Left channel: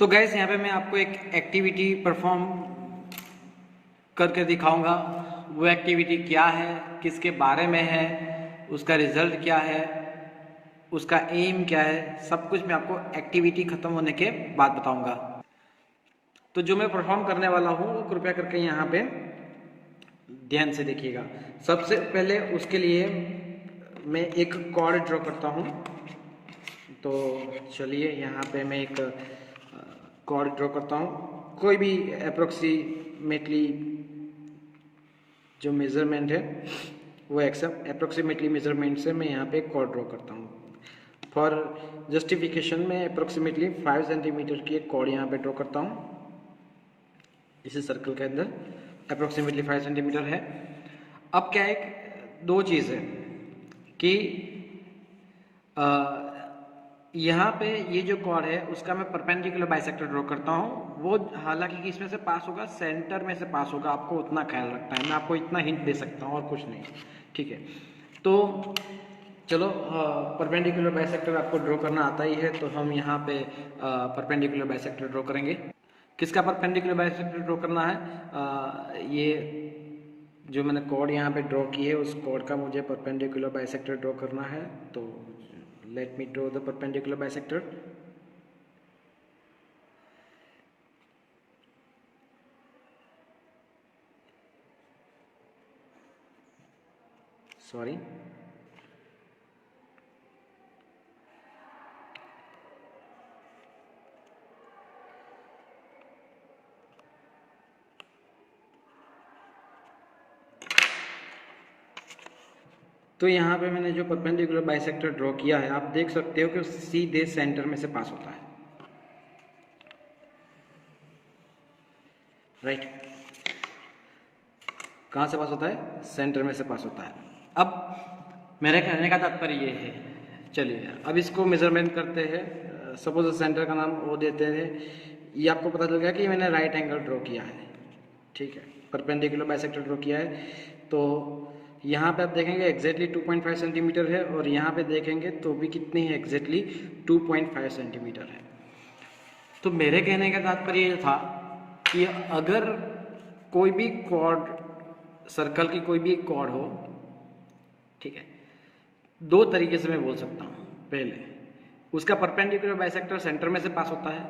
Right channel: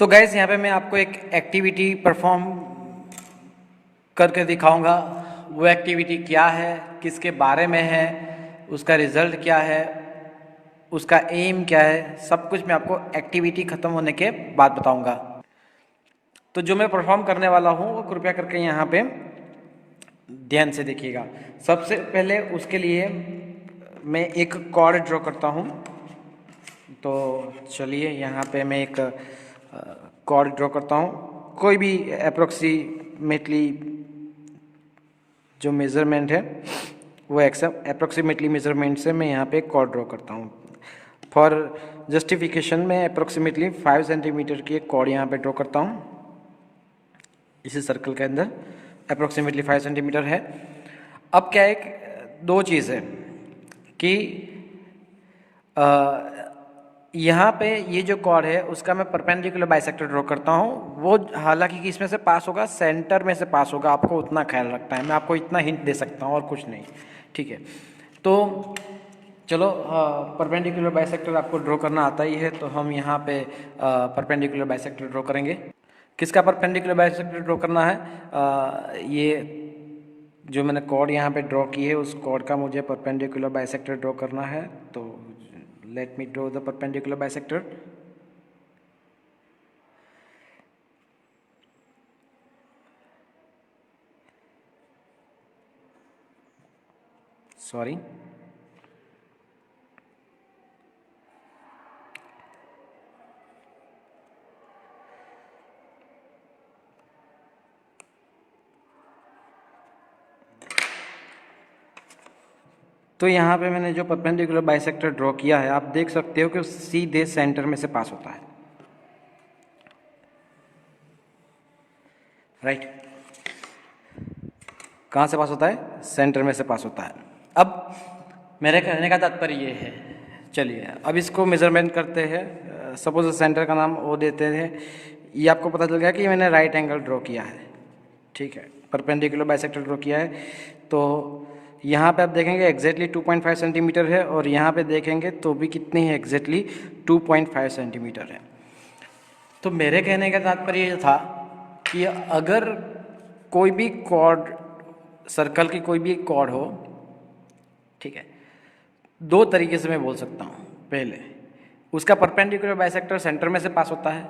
तो गाइस यहाँ पे मैं आपको एक एक्टिविटी परफॉर्म करके दिखाऊंगा। वो एक्टिविटी क्या है, किसके बारे में है, उसका रिजल्ट क्या है, उसका एम क्या है, सब कुछ मैं आपको एक्टिविटी ख़त्म होने के बाद बताऊंगा। तो जो मैं परफॉर्म करने वाला हूँ वो कृपया करके यहाँ पे ध्यान से देखिएगा। सबसे पहले उसके लिए मैं एक कॉर्ड ड्रॉ करता हूँ। तो चलिए यहाँ पे मैं एक कॉर्ड ड्रॉ करता हूँ। कोई भी अप्रोक्सीमेटली जो मेज़रमेंट है वो अप्रोक्सीमेटली मेज़रमेंट से मैं यहाँ पे एक कॉर्ड ड्रॉ करता हूँ। फॉर जस्टिफिकेशन में अप्रोक्सीमेटली 5 सेंटीमीटर की एक कॉर्ड यहाँ पे ड्रॉ करता हूँ। इसी सर्कल के अंदर अप्रोक्सीमेटली 5 सेंटीमीटर है। अब क्या है, दो चीज़ है कि यहाँ पे ये जो कॉर्ड है उसका मैं परपेंडिकुलर बाइसेक्टर ड्रॉ करता हूँ। वो हालांकि कि इसमें से पास होगा, सेंटर में से पास होगा, आपको उतना ख्याल रखना है। मैं आपको इतना हिंट दे सकता हूँ और कुछ नहीं, ठीक है। तो चलो, परपेंडिकुलर बाइसेक्टर आपको ड्रॉ करना आता ही है, तो हम यहाँ पे परपेंडिकुलर बाइसेक्टर ड्रॉ करेंगे। किसका परपेंडिकुलर बाइसेक्टर ड्रॉ करना है? ये जो मैंने कॉर्ड यहाँ पे ड्रॉ की है उस कॉर्ड का मुझे परपेंडिकुलर बाइसेक्टर ड्रॉ करना है। तो let me draw the perpendicular bisector. Sorry, तो यहाँ पे मैंने जो परपेंडिकुलर बाइसेक्टर ड्रॉ किया है आप देख सकते हो कि सीधे सेंटर में से पास होता है, राइट। कहाँ से पास होता है? सेंटर में से पास होता है। अब मेरे कहने का तात्पर्य ये है, चलिए अब इसको मेज़रमेंट करते हैं। सपोज सेंटर का नाम वो देते हैं। ये आपको पता चल गया कि मैंने राइट एंगल ड्रॉ किया है, ठीक है, परपेंडिकुलर बाइसेक्टर ड्रॉ किया है। तो यहाँ पे आप देखेंगे एग्जैक्टली 2.5 सेंटीमीटर है, और यहाँ पे देखेंगे तो भी कितनी है, एग्जैक्टली 2.5 सेंटीमीटर है। तो मेरे कहने का तात्पर्य ये था कि अगर कोई भी कॉर्ड, सर्कल की कोई भी कॉर्ड हो, ठीक है, दो तरीके से मैं बोल सकता हूँ। पहले उसका परपेंडिकुलर बाइसेक्टर सेंटर में से पास होता है,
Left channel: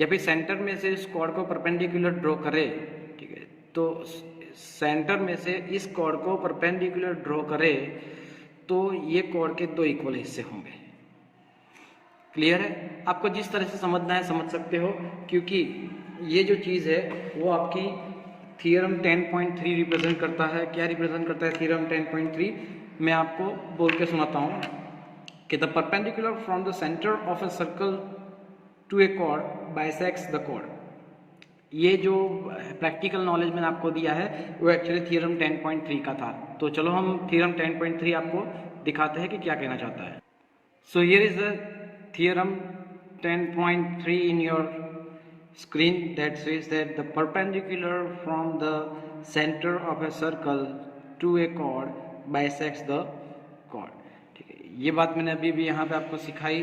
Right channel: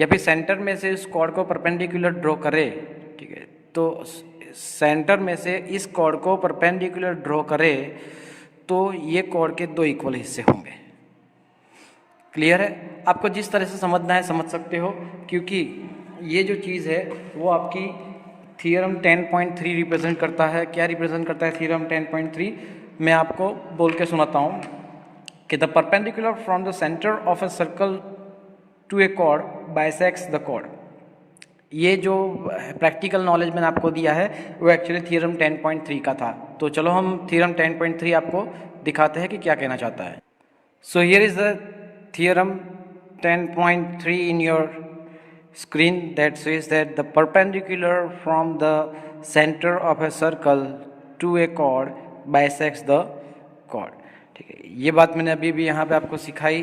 या फिर सेंटर में से इस कॉर्ड को परपेंडिकुलर ड्रॉ करे, ठीक है। तो सेंटर में से इस कॉर्ड को परपेंडिकुलर ड्रॉ करे तो ये कॉर्ड के दो इक्वल हिस्से होंगे। क्लियर है? आपको जिस तरह से समझना है समझ सकते हो, क्योंकि ये जो चीज़ है वो आपकी थ्योरम 10.3 रिप्रेजेंट करता है। क्या रिप्रेजेंट करता है थ्योरम 10.3? मैं आपको बोल के सुनाता हूँ कि the perpendicular from the centre of a circle to a chord bisects the chord. ये जो प्रैक्टिकल नॉलेज मैंने आपको दिया है वो एक्चुअली थ्योरम 10.3 का था। तो चलो हम थ्योरम 10.3 आपको दिखाते हैं कि क्या कहना चाहता है। So here is the theorem 10.3 in your screen that says that the perpendicular from the center of a circle to a chord bisects the chord। ठीक है, ये बात मैंने अभी भी यहाँ पे आपको सिखाई,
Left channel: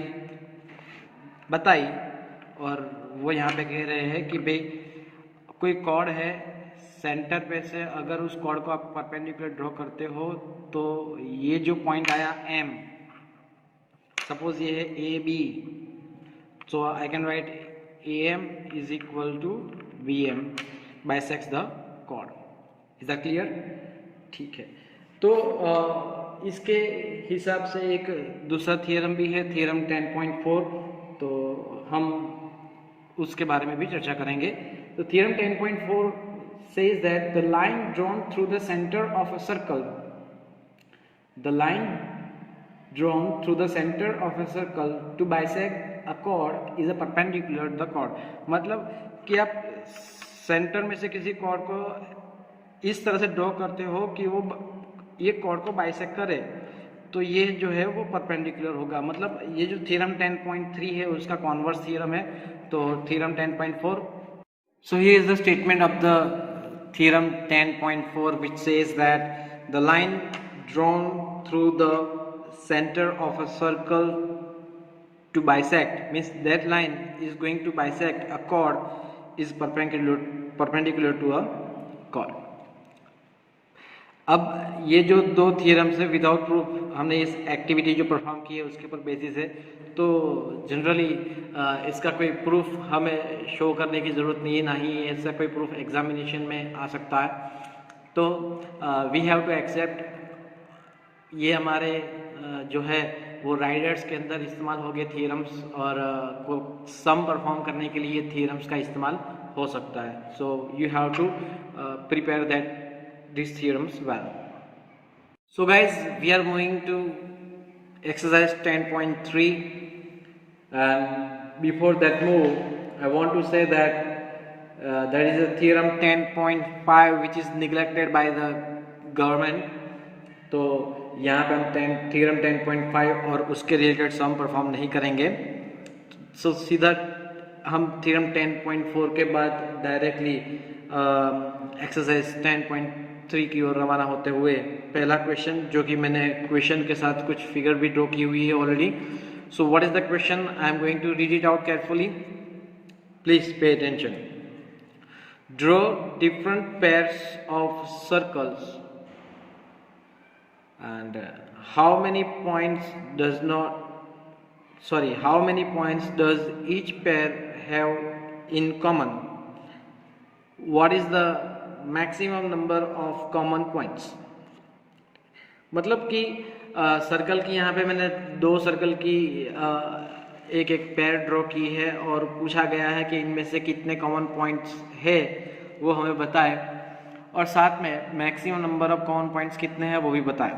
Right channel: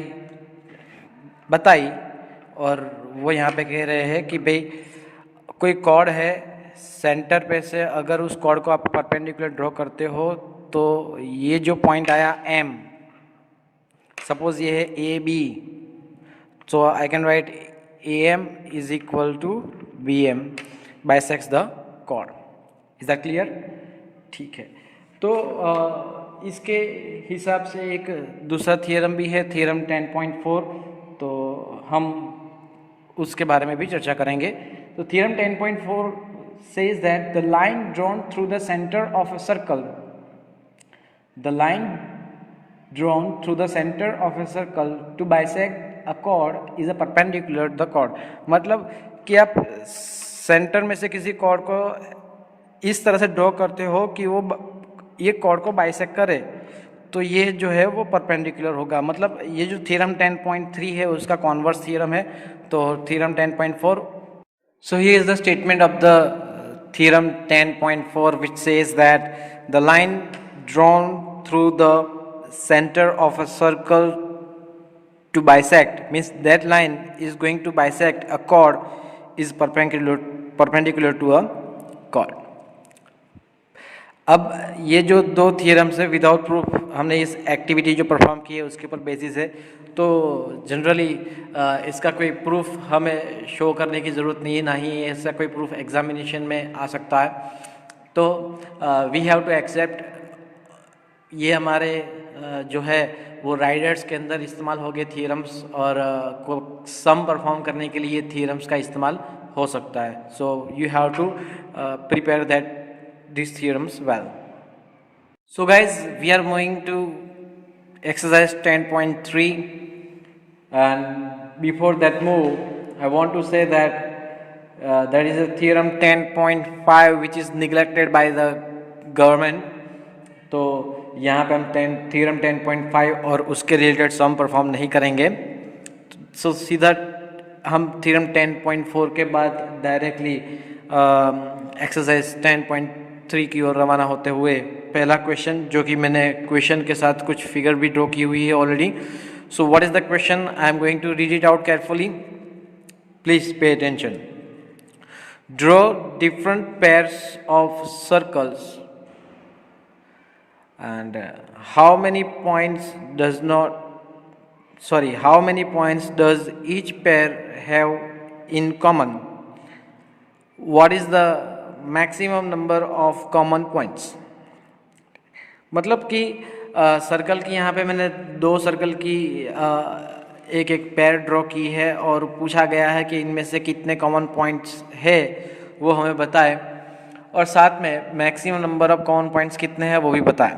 बताई, और वो यहाँ पे कह रहे हैं कि भाई कोई कॉर्ड है, सेंटर पे से अगर उस कॉर्ड को आप परपेंडिकुलर ड्रॉ करते हो तो ये जो पॉइंट आया M, सपोज ये है A B, so I can write A M is equal to B M bisects the chord. Is that clear? ठीक है। तो इसके हिसाब से एक दूसरा थियरम भी है, थियरम 10.4, तो हम उसके बारे में भी चर्चा करेंगे। तो theorem 10.4 says that the line drawn through the center of a circle, the line drawn through the center of a circle to bisect a chord is a perpendicular the chord। मतलब कि आप सेंटर में से किसी cord को इस तरह से ड्रॉ करते हो कि वो ये कॉर्ड को बाइसेक्ट करे, तो ये जो है वो परपेंडिकुलर होगा। मतलब ये जो थ्योरम 10.3 है उसका कॉन्वर्स थ्योरम है। तो theorem 10.4, so here is the statement of the theorem 10.4 which says that the line drawn through the center of a circle to bisect, means that line is going to bisect a chord is perpendicular to a chord. अब ये जो दो theorems है without proof हमने इस activity जो perform की है उसके ऊपर बेसिस है, तो जनरली इसका कोई प्रूफ हमें शो करने की ज़रूरत नहीं है, ना ही ऐसा कोई प्रूफ एग्जामिनेशन में आ सकता है. तो वी हैव टू एक्सेप्ट ये हमारे जो है वो राइडर्स के अंदर इस्तेमाल हो गए थियरम्स, और को सम परफॉर्म करने के लिए थियरम्स का इस्तेमाल हो सकता है. So you have to prepare that these theorems well. So guys, we are moving to exercise 10.3, and before that move I want to say that there is a theorem 10.5 which is neglected by the government. तो यहाँ पे हम theorem 10.5 और उसके related सम perform नहीं करेंगे. सो सीधा हम theorem 10.4 के बाद डायरेक्टली एक्सरसाइज 10.3 की ओर रवाना होते हुए पहला क्वेश्चन, जो कि मैंने क्वेश्चन के साथ कुछ फिगर भी ड्रॉ की हुई है already. So what is the question? I am going to read it out carefully, please pay attention. Draw different pairs of circles and how many points does each pair have in common? What is the maximum number of common points? मतलब कि circle की यहाँ पे मैंने दो circle की एक एक पेयर ड्रॉ की है और पूछा गया है कि इनमें से कितने कॉमन पॉइंट्स है वो हमें बताए, और साथ में maximum number of common points कितने हैं वो भी बताए.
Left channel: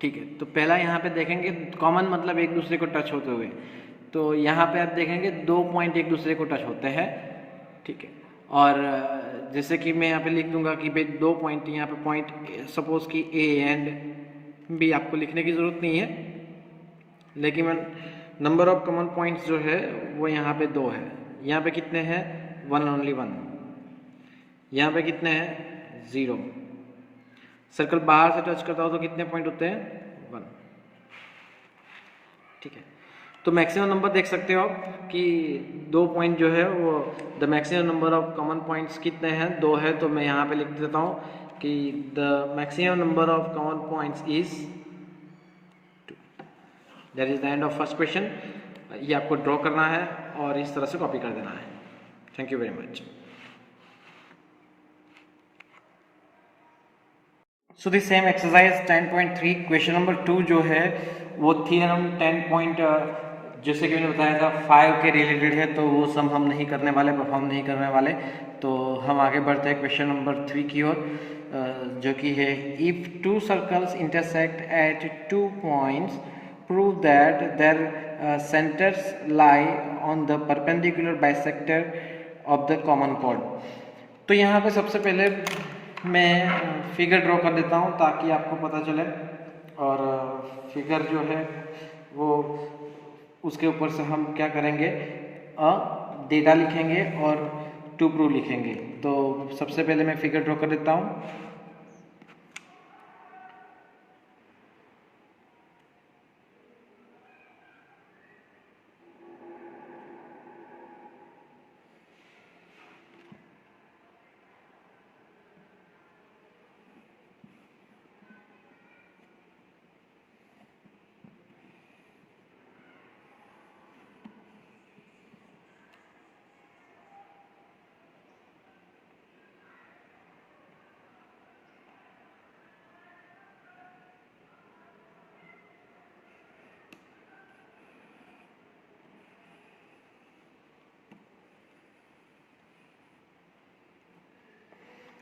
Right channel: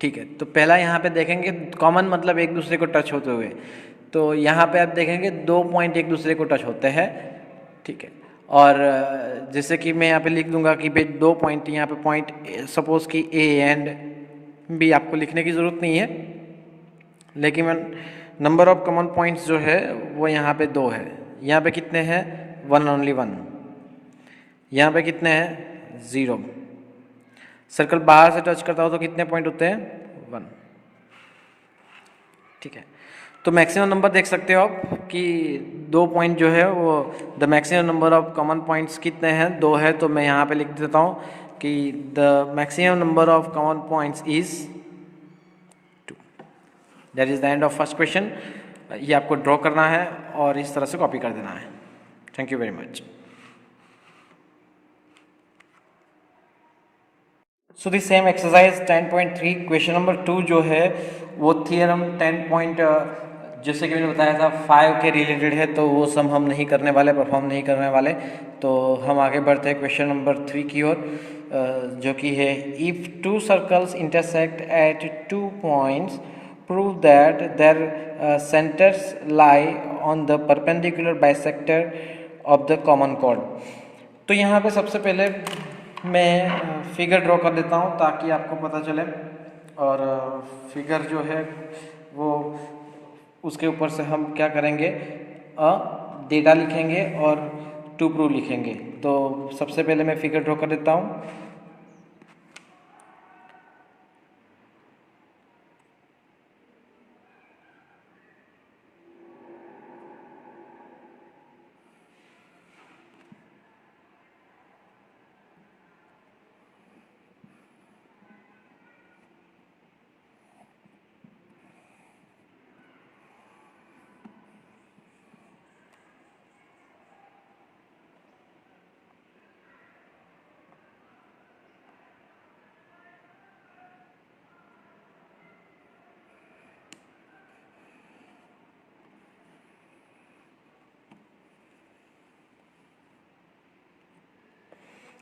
ठीक है, तो पहला यहाँ पे देखेंगे कॉमन मतलब एक दूसरे को टच होते हुए. तो यहाँ पे आप देखेंगे दो पॉइंट एक दूसरे को टच होते हैं. ठीक है, और जैसे कि मैं यहाँ पे लिख दूंगा कि भाई दो पॉइंट, यहाँ पे पॉइंट सपोज कि ए एंड बी, आपको लिखने की ज़रूरत नहीं है, लेकिन मैं नंबर ऑफ कॉमन पॉइंट्स जो है वो यहाँ पे दो है. यहाँ पे कितने हैं? One, only one. यहाँ पे कितने हैं? 0. सर्कल बाहर से टच करता हो तो कितने पॉइंट होते हैं? 1. ठीक है, तो मैक्सिमम नंबर देख सकते हो आप कि दो पॉइंट जो है वो the maximum number of common points कितने हैं? 2 है. तो मैं यहाँ पे लिख देता हूँ कि the maximum number of common points is 2. That is the end of first question. ये आपको ड्रॉ करना है और इस तरह से कॉपी कर देना है. Thank you very much. So this same exercise 10.3 question number 2 जो है वो थियरम 10. जैसे कि मैंने बताया था 5 के रिलेटेड है, तो वो सम हम नहीं करने वाले, परफॉर्म नहीं करने वाले. तो हम आगे बढ़ते हैं क्वेश्चन नंबर 3 की ओर, जो कि है if 2 circles intersect at 2 points prove that there centres lie on the perpendicular bisector of the common chord. तो यहाँ पे सबसे पहले मैं फिगर ड्रॉ कर देता हूँ ताकि आपको पता चले, और फिगर जो है वो उसके ऊपर से हम क्या करेंगे, डेटा लिखेंगे और टू प्रूव लिखेंगे. तो सबसे पहले मैं फिगर ड्रॉ कर देता हूँ.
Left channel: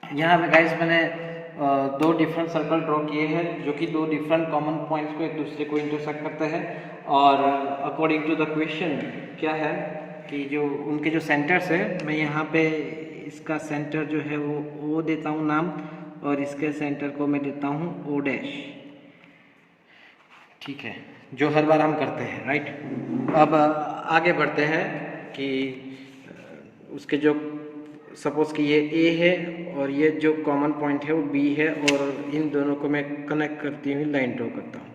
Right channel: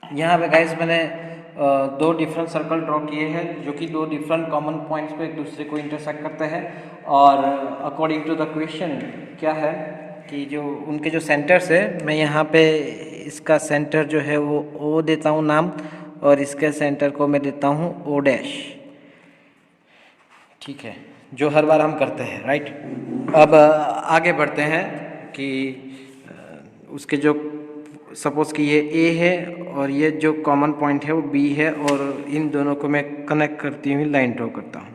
यहाँ पे गाइस मैंने दो डिफरेंट सर्कल ड्रॉ किए हैं जो कि दो डिफरेंट कॉमन पॉइंट्स को एक दूसरे को इंटरसेक्ट करते हैं. और अकॉर्डिंग टू द क्वेश्चन क्या है कि जो उनके जो सेंटर्स है, मैं यहाँ पे इसका सेंटर जो है वो ओ देता हूँ नाम, और इसके सेंटर को मैं देता हूँ ओ डैश. ठीक है, जो हर बार हम करते हैं, राइट. अब आगे बढ़ते हैं कि उसके जो सपोज कि ये ए है और ये जो कॉमन पॉइंट है वो बी है, और इन दोनों को मैं कनेक्ट करती हुई लाइन ड्रॉ करता हूँ.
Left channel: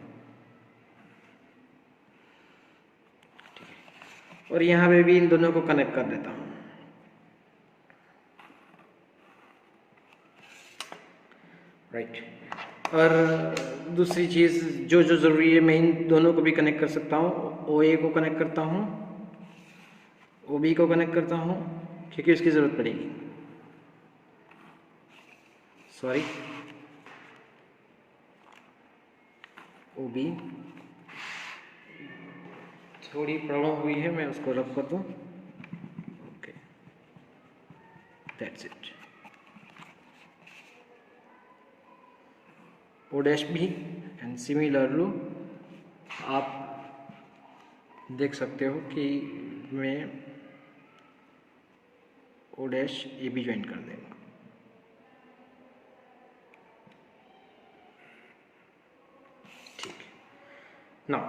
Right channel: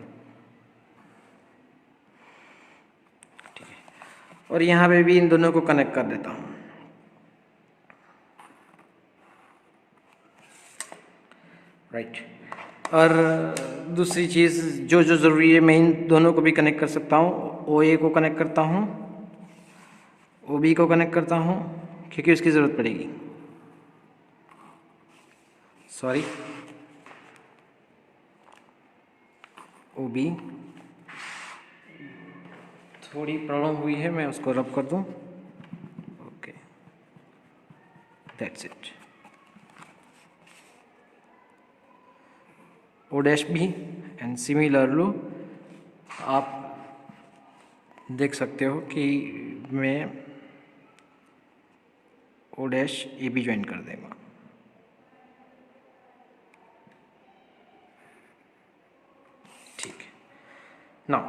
और यहाँ पे भी इन दोनों को कनेक्ट कर देता हूँ। राइट। और दूसरी चीज़ जो जो ज़रूरी है, मैं इन दोनों को भी कनेक्ट कर सकता हूँ। ओ ए को कनेक्ट करता हूँ, ओ बी को कनेक्ट करता हूँ, क्योंकि उसकी ज़रूरत पड़ेगी। सॉरी, ओ बी, थोड़ी प्रॉब्लम हुई है, मैं उसको रब कर दूँ। Okay, that's it. O dash B and similarly आप देख सकते हो कि मैं O dash A B join कर देगा। ठीक है। Now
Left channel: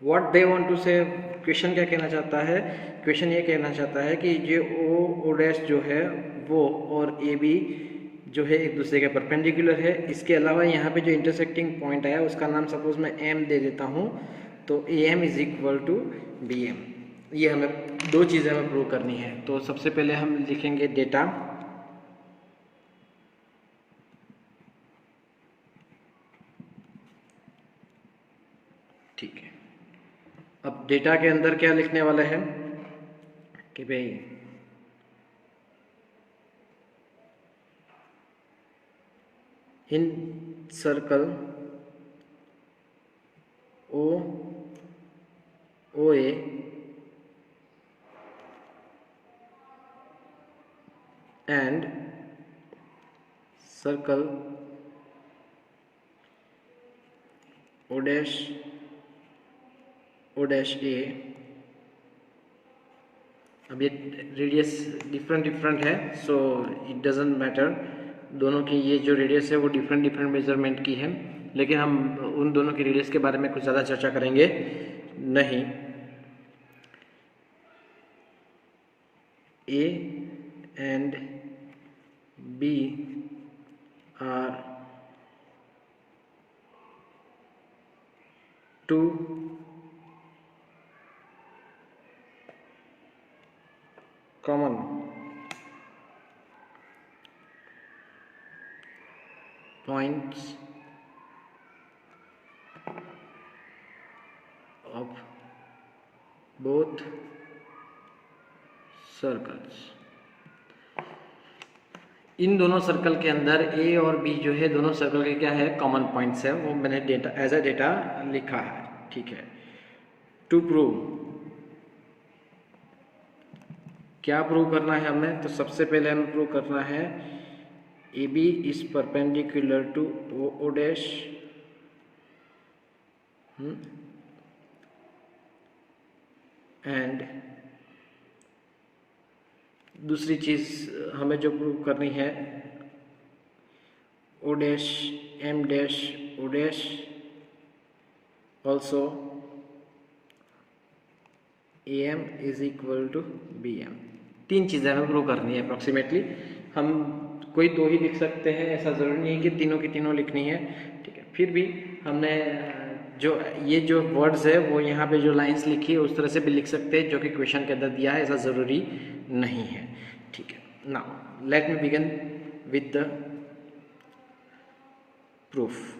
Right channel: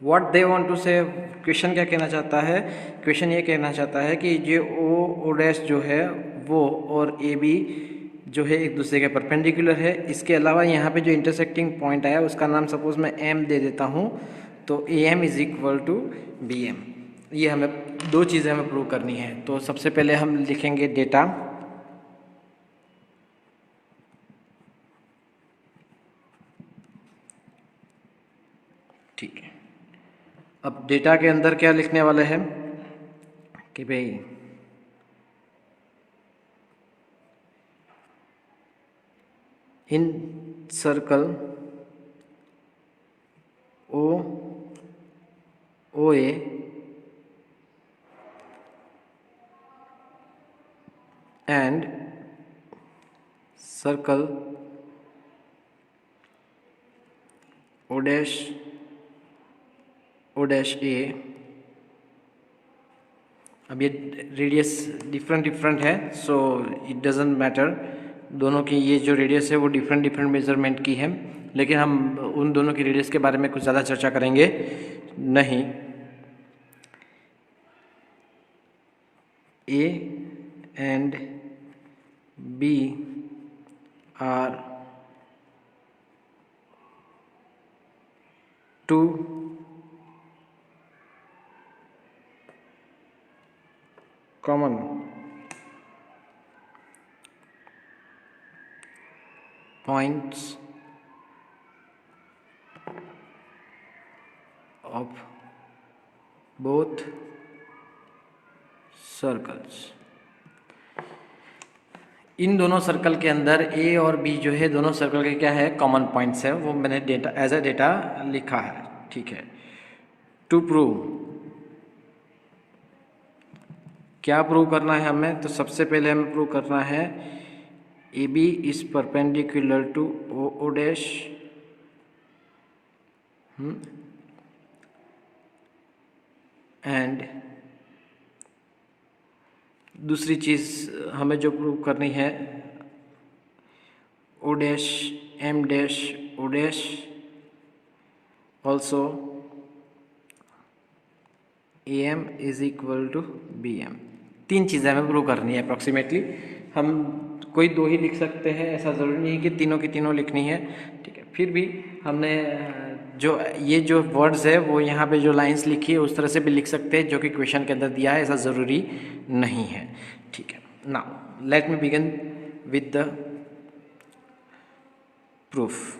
what they want to say, question क्या कहना चाहता है? क्वेश्चन ये कहना चाहता है कि जो ओ डैश जो है वो और ए बी जो है एक दूसरे के परपेंडिकुलर है। इसके अलावा यहाँ पे जो इंटरसेक्टिंग पॉइंट आया उसका नाम सपोज मैं एम दे देता हूँ, तो A M is equal to B M. ये हमें दो चीज़ें हमें प्रूव करनी है। तो सबसे पहले हम लिखेंगे डेटा, ठीक है। अब डेटा के अंदर क्या लिखने वाले हैं कि भाई in circle O A and circle O dash A। अब ये रेडियस डिफरेंट है, सो इट डजेंट मैटर। दोनों की ये जो रेडियस है वो डिफरेंट मेजरमेंट की है, लेकिन हम उन दोनों की रेडियस के बारे में कुछ ज़्यादा चर्चा करेंगे नहीं। A and B are two common points of both circles. इन दोनों सर्कल के अंदर ए और बी जो है दोनों सर्कल के क्या है, कॉमन पॉइंट्स है, वो मैंने डेटा एज अ डेटा लिखा है। ठीक है। टू प्रूव, क्या प्रूव करना है हमें? तो सबसे पहले हमें प्रूव करना है A B is perpendicular to O dash and दूसरी चीज़ हमें जो प्रूव करनी है, O dash M dash O dash also A M is equal to B M. तीन चीज़ें हमें प्रूव करनी है अप्रॉक्सीमेटली। हम कोई दो ही लिख सकते हैं, ऐसा ज़रूरी नहीं है कि तीनों की तीनों लिखनी है। ठीक है, फिर भी हमने जो ये जो वर्ड्स है वो यहाँ पे जो लाइंस लिखी है उस तरह से भी लिख सकते हैं जो कि क्वेश्चन के अंदर दिया है, ऐसा ज़रूरी नहीं है। ठीक है, now let me begin with the proof.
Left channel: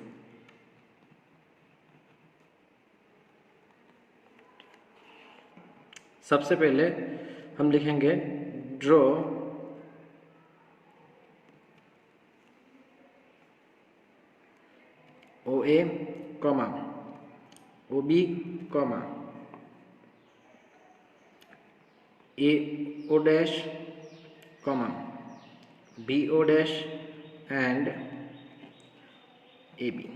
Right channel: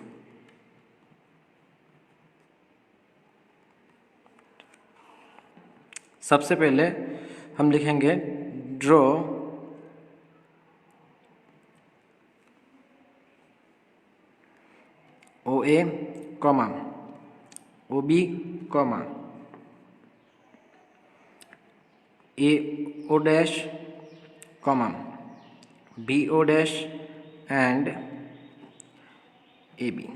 सबसे पहले हम लिखेंगे draw O A comma O B comma A O dash comma B O dash and A B.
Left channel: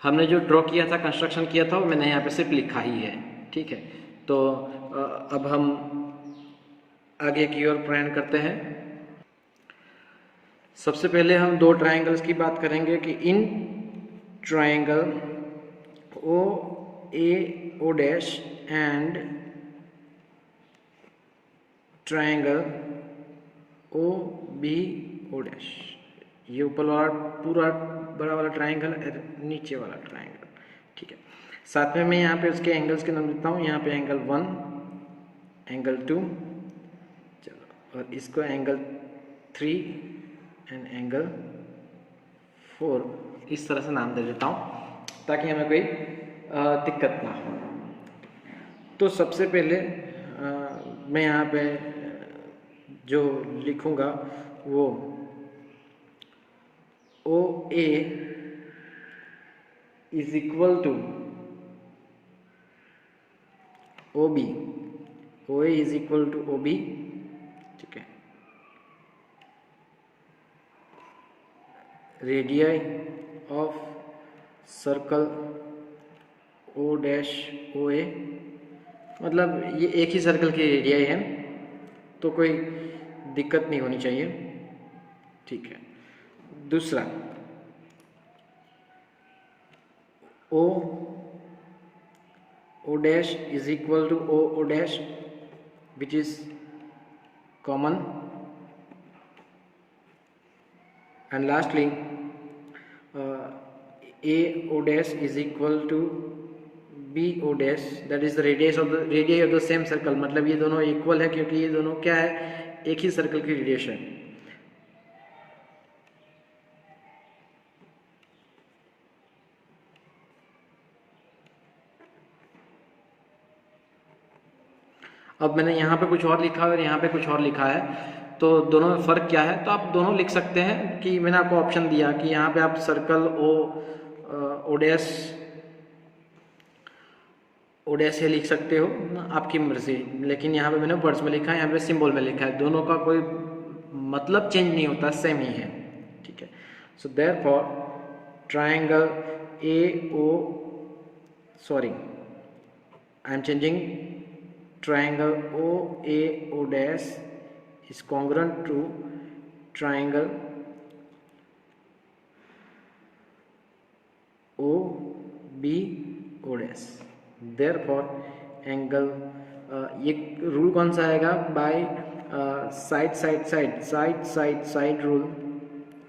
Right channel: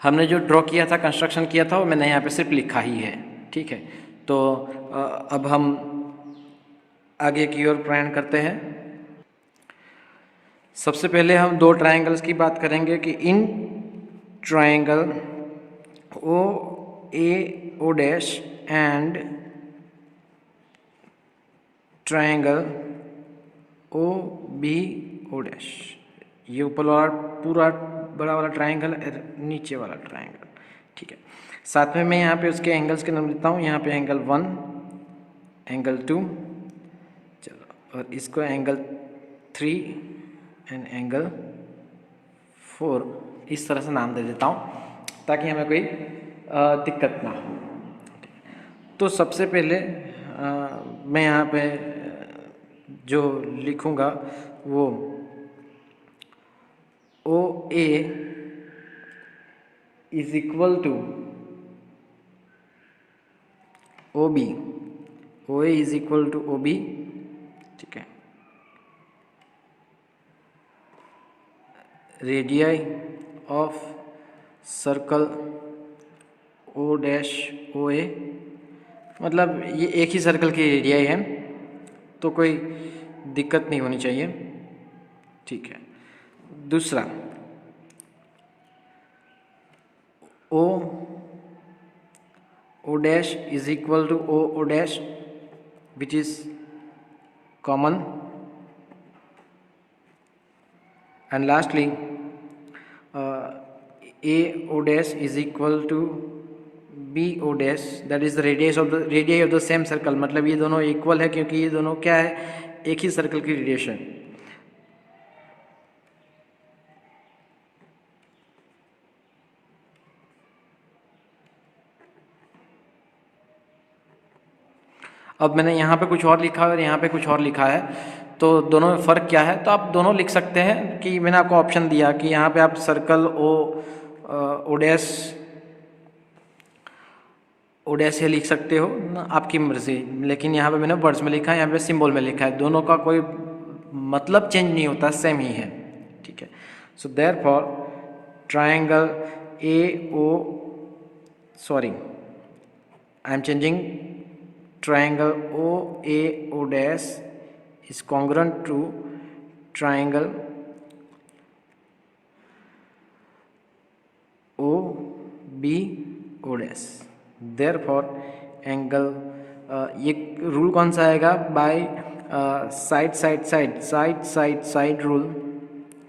हमने जो ड्रॉ किया था, कंस्ट्रक्शन किया था, वो मैंने यहाँ पे सिर्फ लिखा ही है। ठीक है, तो अब हम आगे की ओर प्रयाण करते हैं। सबसे पहले हम दो ट्रायंगल्स की बात करेंगे कि in triangle O A O dash and triangle O B O dash, ये ऊपर वाला पूरा बड़ा वाला ट्रायंगल, नीचे वाला ट्रायंगल। ठीक है, साथ में मैं यहाँ पे उसके एंगल्स के नाम देता हूँ। यहाँ पे एंगल 1, एंगल 2, चलो, और इसको एंगल 3 एंड एंगल 4, इस तरह से नाम दे देता हूँ ताकि हमें कोई दिक्कत ना हो। तो सबसे पहले मैं यहाँ पे जो लिखूँगा वो O A is equal to O B, O A is equal to O B, ठीक है। Radii of circle O dash O A, मतलब ये एक ही सर्कल की रेडियाई है तो कोई दिक्कत नहीं होनी चाहिए, ठीक है। दूसरा O dash is equal to O dash which is common, and lastly A O dash is equal to B O dash, that is the radius of the same circle. मतलब ये दोनों इक्वल है क्योंकि ये दोनों क्या है, एक ही सर्कल की रेडिएशन। अब मैंने यहाँ पे कुछ और लिखा है और यहाँ पे कुछ और लिखा है, तो दोनों में फ़र्क क्या है, तो आप दोनों लिख सकते हैं कि मैंने आपको ऑप्शन दिया कि यहाँ पे आप सर्कल ओ डैश लिख सकते हो, आपकी मर्जी। लेकिन यहाँ पे मैंने वर्ड्स में लिखा है, यहाँ पे सिंबल में लिखा है, दोनों का कोई मतलब चेंज नहीं होता, सेम ही है, ठीक है। So therefore triangle I am changing triangle OAO dash is congruent to triangle OBO dash. Therefore angle ये रूल कौन सा आएगा, बाय साइड रूल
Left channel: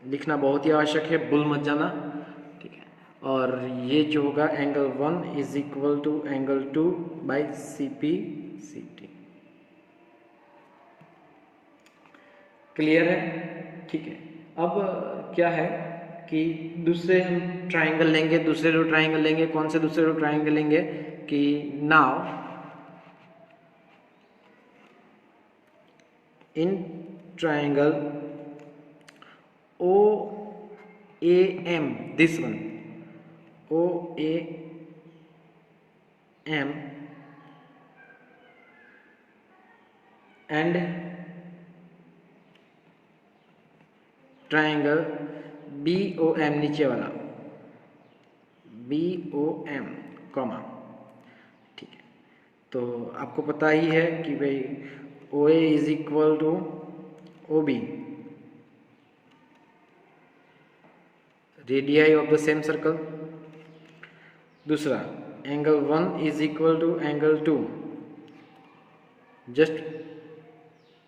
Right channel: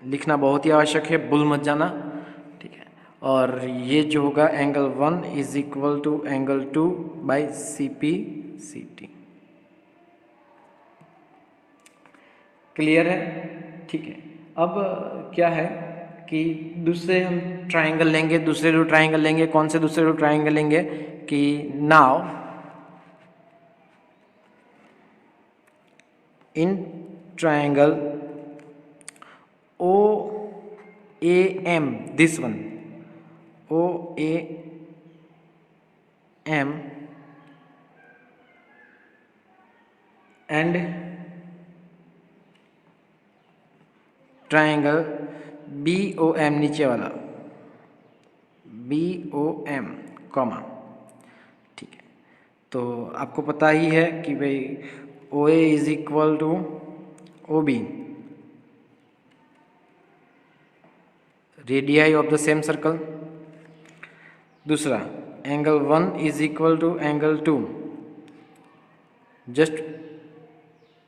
लिखना बहुत ही आवश्यक है, भूल मत जाना, ठीक है। और ये जो होगा angle 1 is equal to angle 2 by CPCT। Clear है, ठीक है। अब क्या है कि दूसरे हम ट्रायंगल लेंगे, दूसरे दो ट्रायंगल लेंगे। कौन से दूसरे दो ट्रायंगल लेंगे कि now in triangle OAM, this one OAM and triangle BOM, नीचे वाला BOM कॉमा, ठीक है। तो आपको पता ही है कि भाई OA is equal to OB, radii of the same circle. दूसरा angle 1 is equal to angle 2, just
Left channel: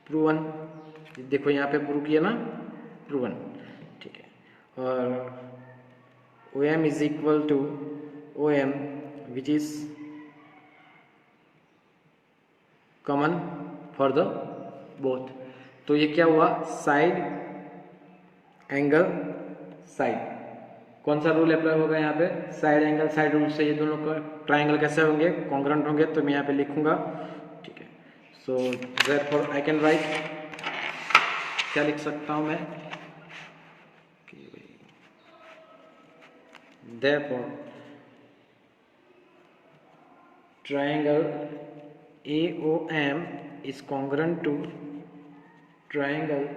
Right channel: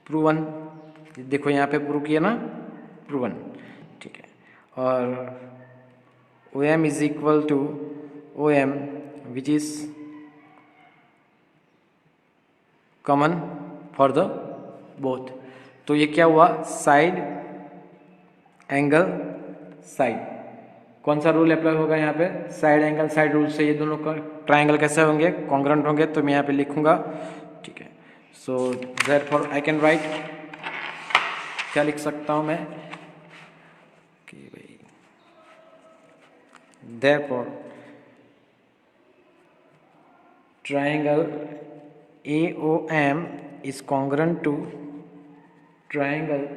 proven, देखो यहाँ पे प्रूव किया ना, प्रूवन, ठीक है। और OM is equal to OM which is common for the both. तो ये क्या हुआ, साइड एंगल साइड, कौन सा रूल अप्लाई होगा यहाँ पे, साइड एंगल साइड रूल से ये दोनों का ट्रायंगल कैसे होंगे, कॉन्ग्रुएंट होंगे। तो मैं यहाँ पे लिखूंगा, ठीक है। So therefore I can right, क्या लिख सकता हूँ मैं कि भाई therefore triangle AOM is congruent to triangle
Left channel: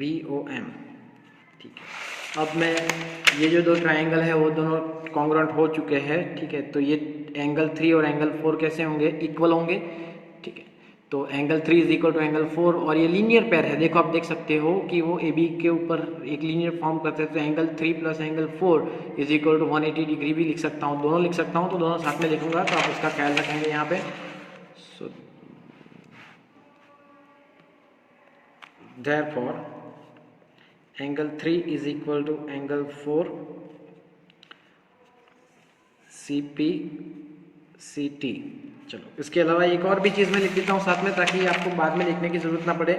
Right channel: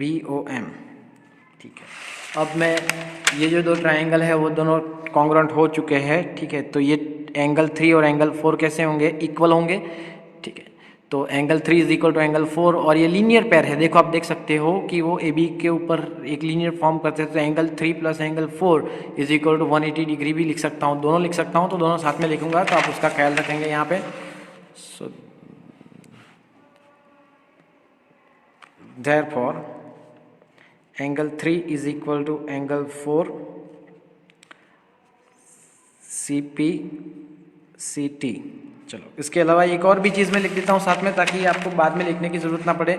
BOM, ठीक है। अब मैं ये जो दो ट्रायंगल है वो दोनों कॉन्ग्रुएंट हो चुके हैं, ठीक है। तो ये एंगल 3 और एंगल 4 कैसे होंगे, इक्वल होंगे, ठीक है। तो angle 3 is equal to angle 4, और ये लीनियर पेयर है, देखो आप देख सकते हो कि वो AB के ऊपर एक लीनियर फॉर्म करते हैं। तो angle 3 plus angle 4 is equal to 180 degree भी लिख सकता हूँ, दोनों लिख सकता हूँ। तो दोनों साथ में लिखूंगा, तो आप उसका ख्याल रखेंगे यहाँ पे। सो therefore angle 3 is equal to angle 4 CPCT। चलो इसके अलावा एक और भी चीज़ मैं लिख देता हूँ साथ में, ताकि आपको बाद में लिखने की ज़रूरत ना पड़े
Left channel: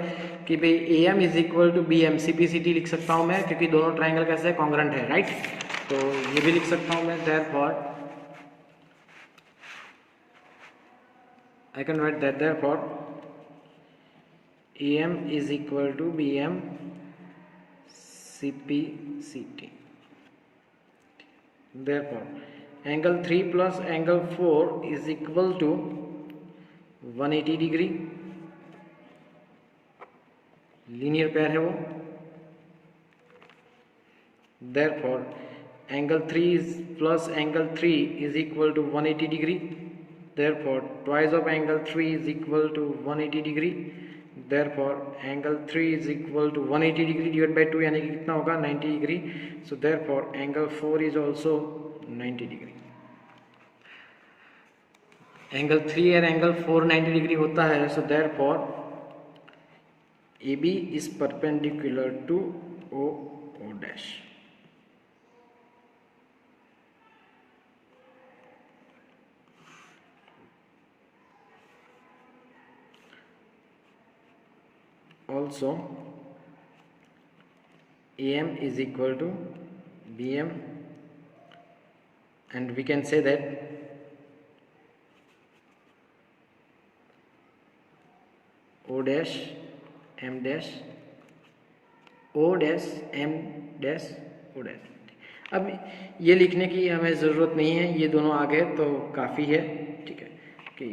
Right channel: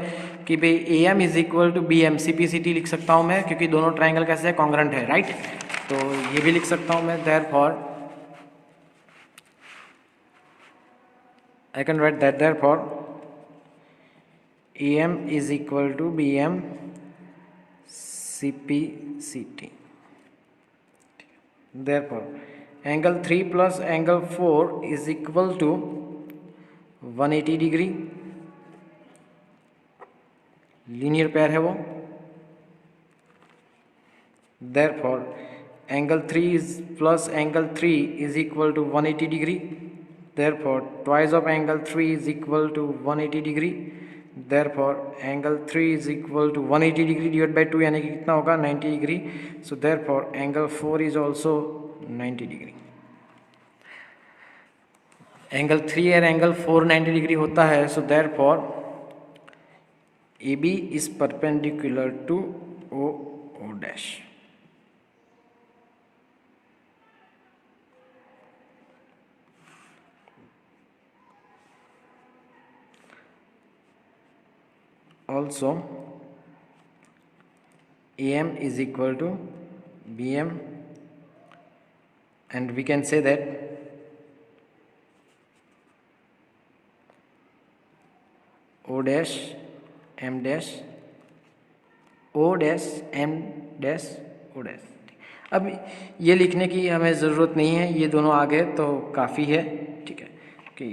कि भाई AM is equal to BM। CPCT लिख सकता हूँ मैं, क्योंकि दोनों ट्राइंगल कैसे है, कॉन्ग्रुएंट है, राइट। तो ये भी लिख सकता हूँ मैं, therefore I can write that therefore AM is equal to BM CPCT। Therefore angle 3 plus angle 4 is equal to 180 degree, linear pair है वो। Therefore angle 3 is plus angle 3 is equal to 180 degree. Therefore twice of angle 3 is equal to 180 degree. Therefore angle 3 is equal to 180 degree divided by 2, यानी कि कितना होगा, 90 degree. So therefore angle 4 is also 90 degree. Angle 3 और angle 4 90 degree होता है। सो therefore AB is perpendicular to O dash। Also AM is equal to BM, and we can say that O dash M dash O dash M dash O dash। अब ये लिखने की हमें ज़रूरत नहीं है, ये दोनों आ गए तो काफ़ी है, ठीक है, कि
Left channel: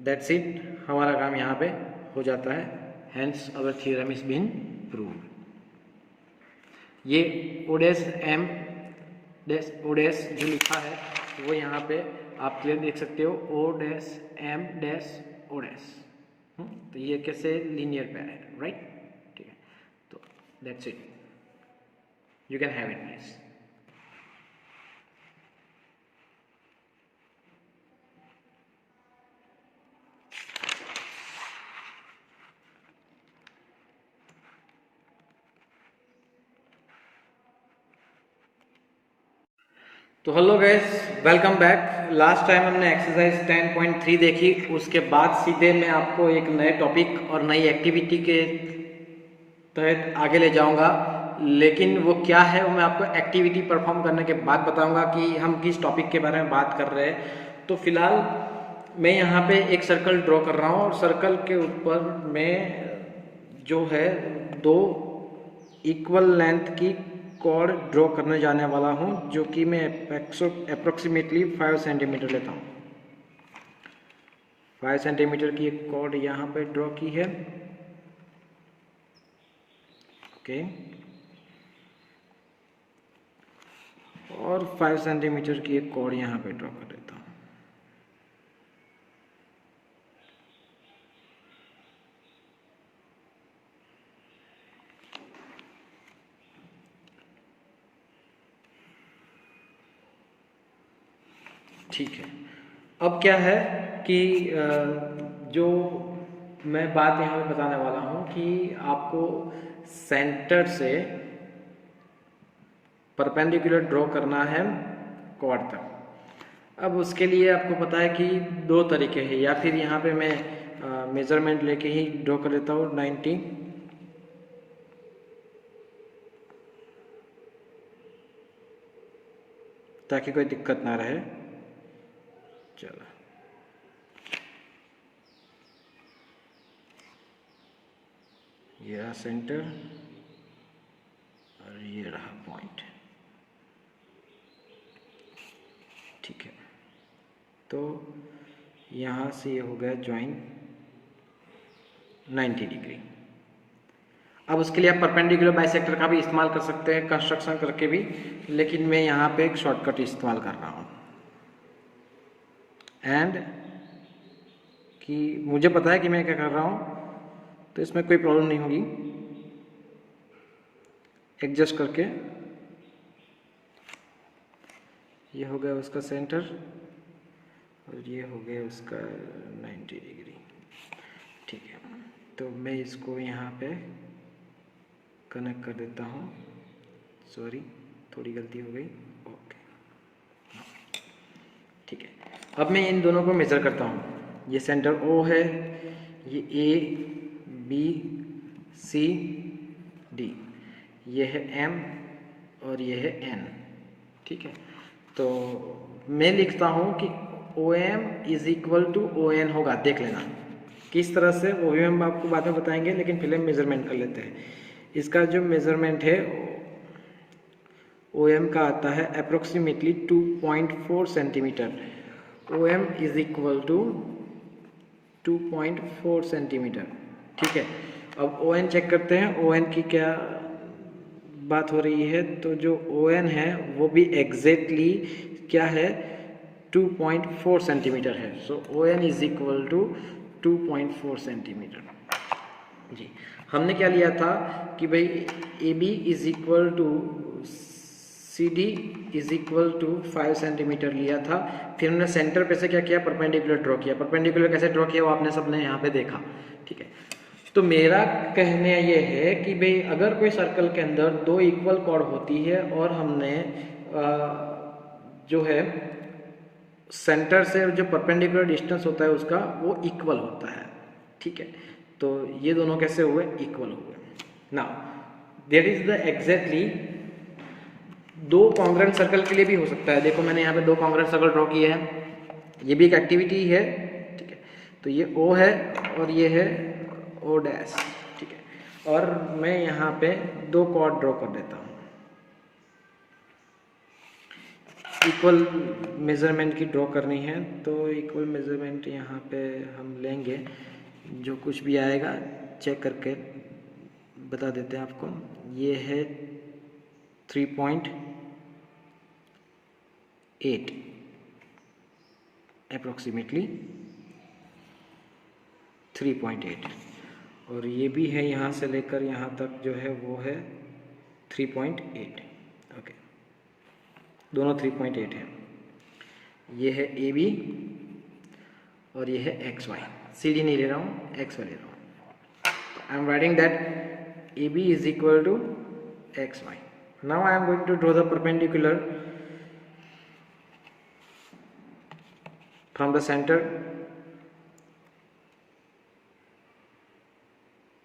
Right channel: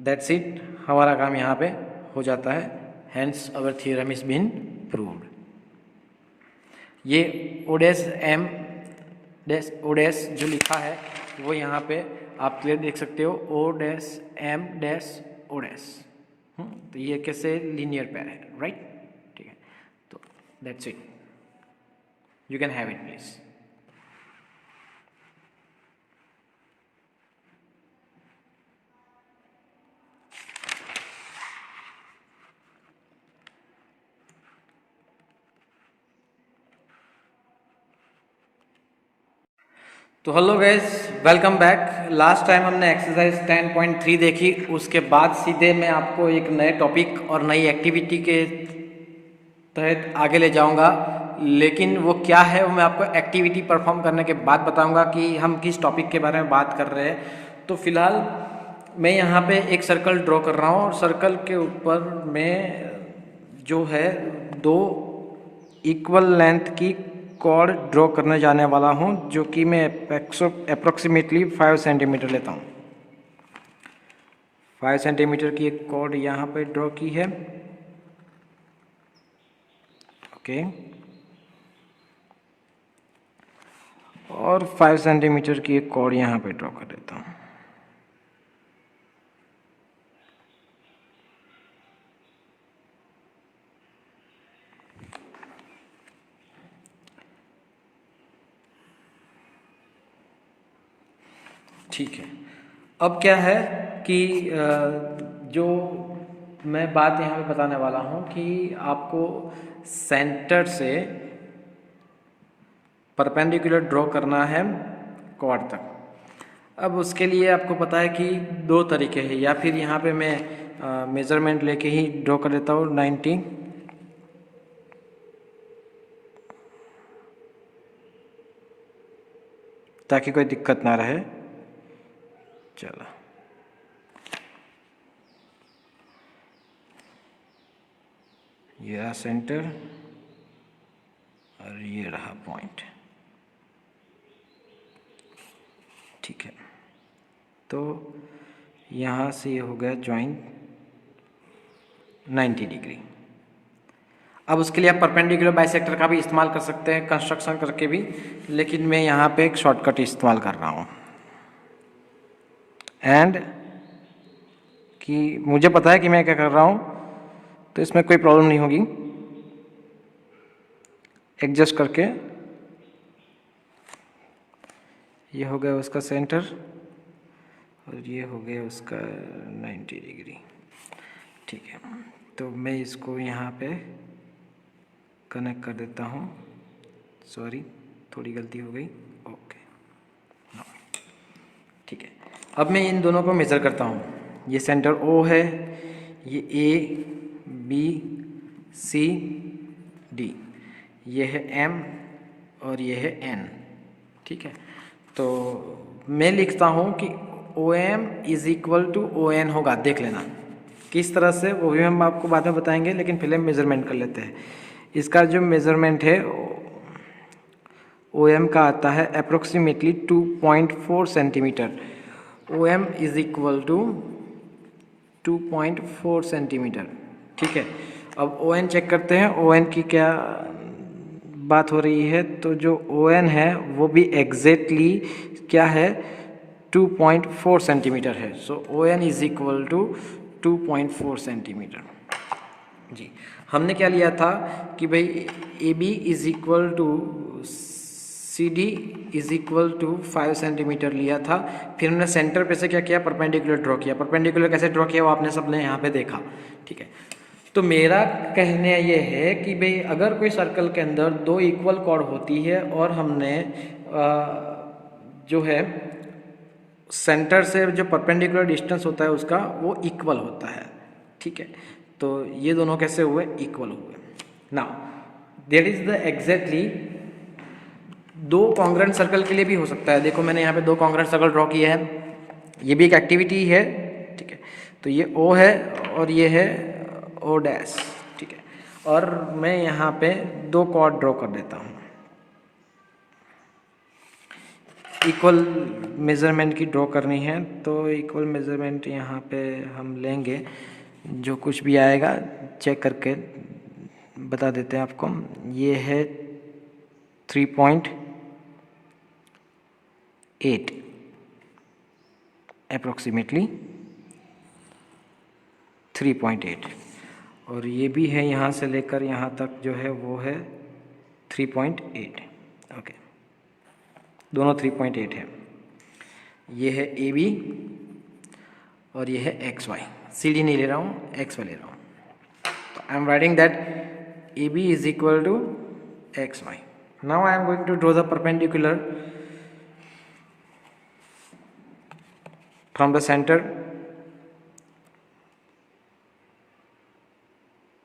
दैट्स इट, हमारा काम यहाँ पे हो जाता है। Hence our theorem is been proved. ये O dash M dash O dash जो लिखा है वो यहाँ पे आप क्लियर देख सकते हो, O dash M dash O dash। तो ये कैसे लीनियर पेयर है, राइट, ठीक है। तो that's it, you can have it please. तो hello guys, welcome back. Last time हमने एक्सरसाइज 10.3 देखी, उसके बाद सीधे मैं आपको एक नए टॉपिक और नई एक्टिविटी के तहत आगे ले जाऊंगा। लेकिन वो क्या है वो मैं आपको एक्टिविटी परफॉर्म करने के बाद बताऊंगा कि हम किस टॉपिक के बारे में बात कर रहे हैं। तो फिलहाल मैं यहाँ पे एक सर्कल ड्रॉ कर रहा हूँ, और सर्कल के ऊपर मैं जो है दो इक्वल लेंथ की कॉर्ड ड्रॉ करने जाने वाला हूँ, जो कि मैं अप्रोक्सीमेटली 5 सेंटीमीटर लेता हूँ। 5 सेंटीमीटर की एक कॉर्ड यहाँ पे ड्रॉ की है, ओके। और 5 सेंटीमीटर की एक कॉर्ड यहाँ पे ड्रॉ कर देता हूँ। ठीक है, अब क्या है कि जो मैं बात यहाँ पे बताने वाला हूँ कि आपको सेंटर से परपेंडिकुलर ड्रॉ करना है क्वाड तक। अब उसके लिए आपको पता है कि दो तरीके हैं, या फिर यहाँ पे मैं मेज़रमेंट लेके ही ड्रॉ कर देता हूँ 90, ताकि कोई दिक्कत ना रहे। चलो, ये रहा सेंटर और ये रहा पॉइंट, ठीक है। तो यहाँ से ये हो गया जॉइंट 90 डिग्री। अब उसके लिए आप परपेंडिकुलर बाइसेक्टर का भी इस्तेमाल कर सकते हैं कंस्ट्रक्शन करके भी, लेकिन मैं यहाँ पे एक शॉर्टकट इस्तेमाल कर रहा हूँ। एंड कि मुझे पता है कि मैं क्या कर रहा हूँ, तो इसमें कोई प्रॉब्लम नहीं होगी। एडजस्ट करके ये हो गया उसका सेंटर और ये हो गया उसका 90 डिग्री, ठीक है। तो मैं इसको यहाँ पे कनेक्ट कर देता हूँ। सॉरी, थोड़ी गलती हो गई, ओके। अब मैं इन दोनों को मेज़र करता हूँ। ये सेंटर O है, ये A B C D, ये है M और ये है N, ठीक है। तो मैं लिखता हूँ कि OM is equal to ON होगा। देख लेना किस तरह से, वो भी हम आपको बाद में बताएंगे, लेकिन पहले मेज़रमेंट कर लेते हैं। इसका जो मेज़रमेंट है OM का आता है approximately 2.4 centimetre. OM is equal to 2.4 centimetre, ठीक है। अब ON चेक करते हैं, ON की क्या बात हो रही है। तो जो ON है वो भी एग्जैक्टली क्या है, 2.4 सेंटीमीटर है। So ON is equal to 2.4 centimetre. जी, हमने क्या लिया था कि भाई AB is equal to CD is equal to 5 centimetre लिया था। फिर हमने सेंटर पे से क्या किया, परपेंडिकुलर ड्रॉ किया। परपेंडिकुलर कैसे ड्रॉ किया वो आपने सबने यहाँ पे देखा, ठीक है। तो मेरा कहने ये है कि भाई अगर कोई सर्कल के अंदर दो इक्वल कॉर्ड होती है और हमने जो है सेंटर से जो परपेंडिकुलर डिस्टेंस होता है उसका वो इक्वल होता है, ठीक है। तो ये दोनों कैसे हुए, इक्वल हुए। Now that is the exactly दो कॉन्ग्रेंट सर्कल के लिए भी हो सकता है। देखो मैंने यहाँ पे दो कॉन्ग्रेंट सर्कल ड्रॉ किए हैं, ये भी एक एक्टिविटी है, ठीक है। तो ये O है और ये है O डैश, ठीक है। और मैं यहाँ पे दो कॉर्ड ड्रॉ कर देता हूँ। इक्वल मेज़रमेंट की ड्रॉ करनी है तो इक्वल मेज़रमेंट यहाँ पे हम लेंगे, जो कुछ भी आएगा चेक करके बता देते हैं आपको। ये है 3.8 अप्रोक्सीमेटली 3.8, और ये भी है यहाँ से लेकर यहाँ तक जो है वो है 3.8, ओके। दोनों 3.8 है। ये है AB और ये है XY। CD नहीं ले रहा हूँ, XY ले रहा हूँ। I am writing that AB is equal to XY। Now I am going to draw the perpendicular from the centre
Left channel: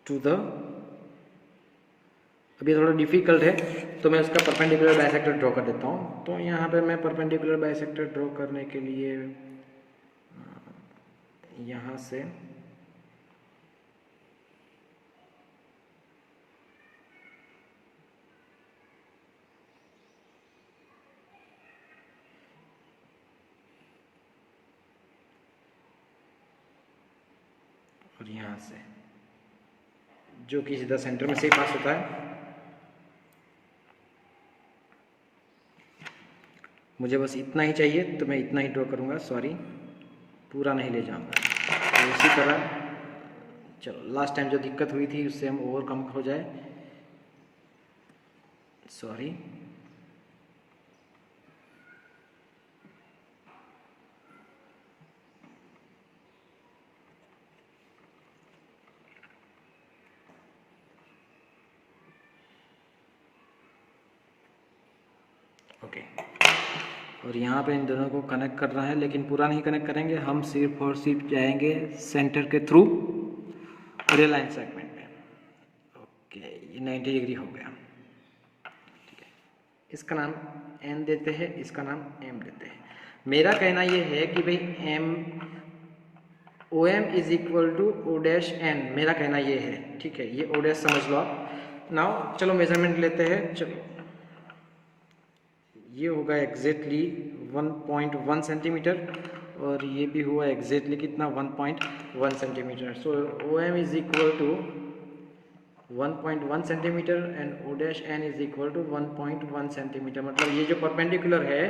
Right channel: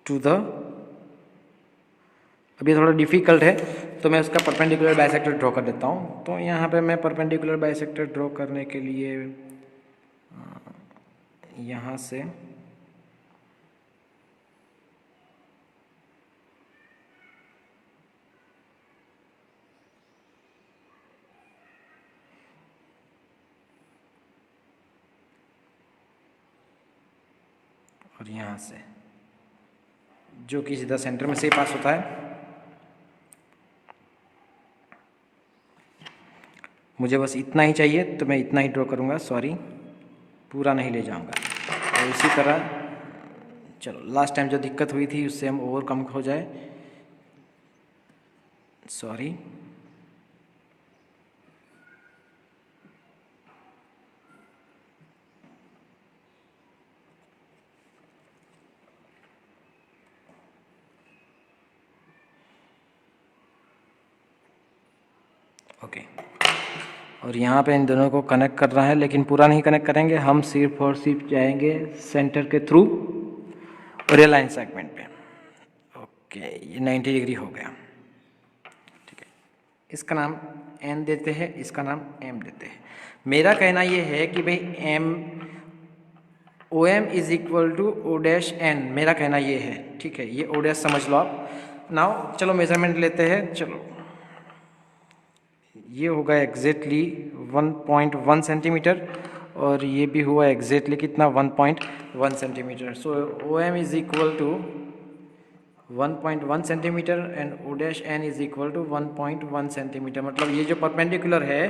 to the, अभी थोड़ा डिफ़िकल्ट है तो मैं उसका परपेंडिकुलर बाइसेक्टर ड्रॉ कर देता हूँ। तो यहाँ पे मैं परपेंडिकुलर बाइसेक्टर ड्रॉ करने के लिए यहाँ से और यहाँ से, जो कि सीधा सेंटर में से पास होता है। मुझे बस इतना ही चाहिए तो मैं इतना ही ड्रॉ करूँगा, सॉरी पूरा नहीं ले जाऊँगा। और इसी तरह चलो लास्ट टाइम जो दिक्कत हुई थी उससे हम ओवरकम हो जाए, सॉरी। ओके, और यहाँ पे इन दोनों को कनेक्ट करना है, लेकिन पूरा नहीं कनेक्ट करेंगे हम, सिर्फ और सिर्फ जाएंगे सेंटर के थ्रू और ये लाइन सेगमेंट पे। ओके, ये 90 डिग्री हो गया, ठीक है। इसका नाम N देते हैं, इसका नाम M देते हैं। मेरा कहना ये है कि भाई OM is equal to O dash N, मेरा कहना ये है, ठीक है। ये O डैश समझ लो आप। नाउ चलो मेजरमेंट लेते हैं। चलो ये होगा एग्जैक्टली 1.1 सेंटीमीटर और ये भी हुआ एग्जैक्टली कितना, 1.1 centimetre. So OM is equal to 1.1 centimetre and O dash N is equal to 1.1 centimetre. मतलब ये जो परपेंडिकुलर है,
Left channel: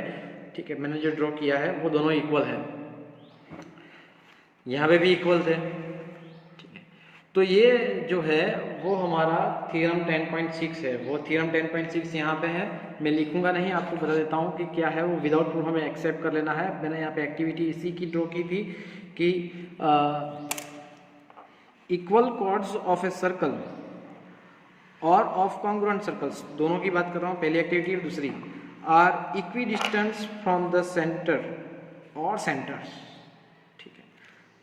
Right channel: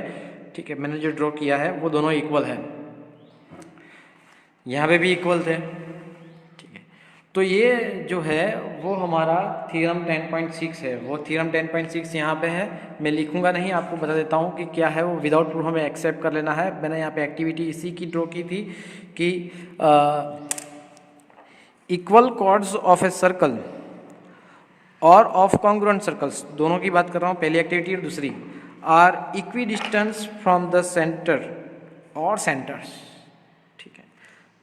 ठीक है, मैंने जो ड्रॉ किया है वो दोनों इक्वल है, यहाँ पे भी इक्वल थे, ठीक है। तो ये जो है वो हमारा थ्योरम 10.6 है। वो थ्योरम 10.6 यहाँ पे है, मैं लिखूंगा नहीं, आपको बता देता हूँ कि क्या है वो। विदाउट प्रूफ हमें एक्सेप्ट कर लेना है। मैंने यहाँ पे एक्टिविटी इसी की ड्रॉ की थी कि equal chords of a circle और ऑफ कॉन्ग्रुएंट सर्कल्स, दोनों की बात कर रहा हूँ, पहली एक्टिविटी और दूसरी, are equidistant from the centre और सेंटर्स, ठीक है।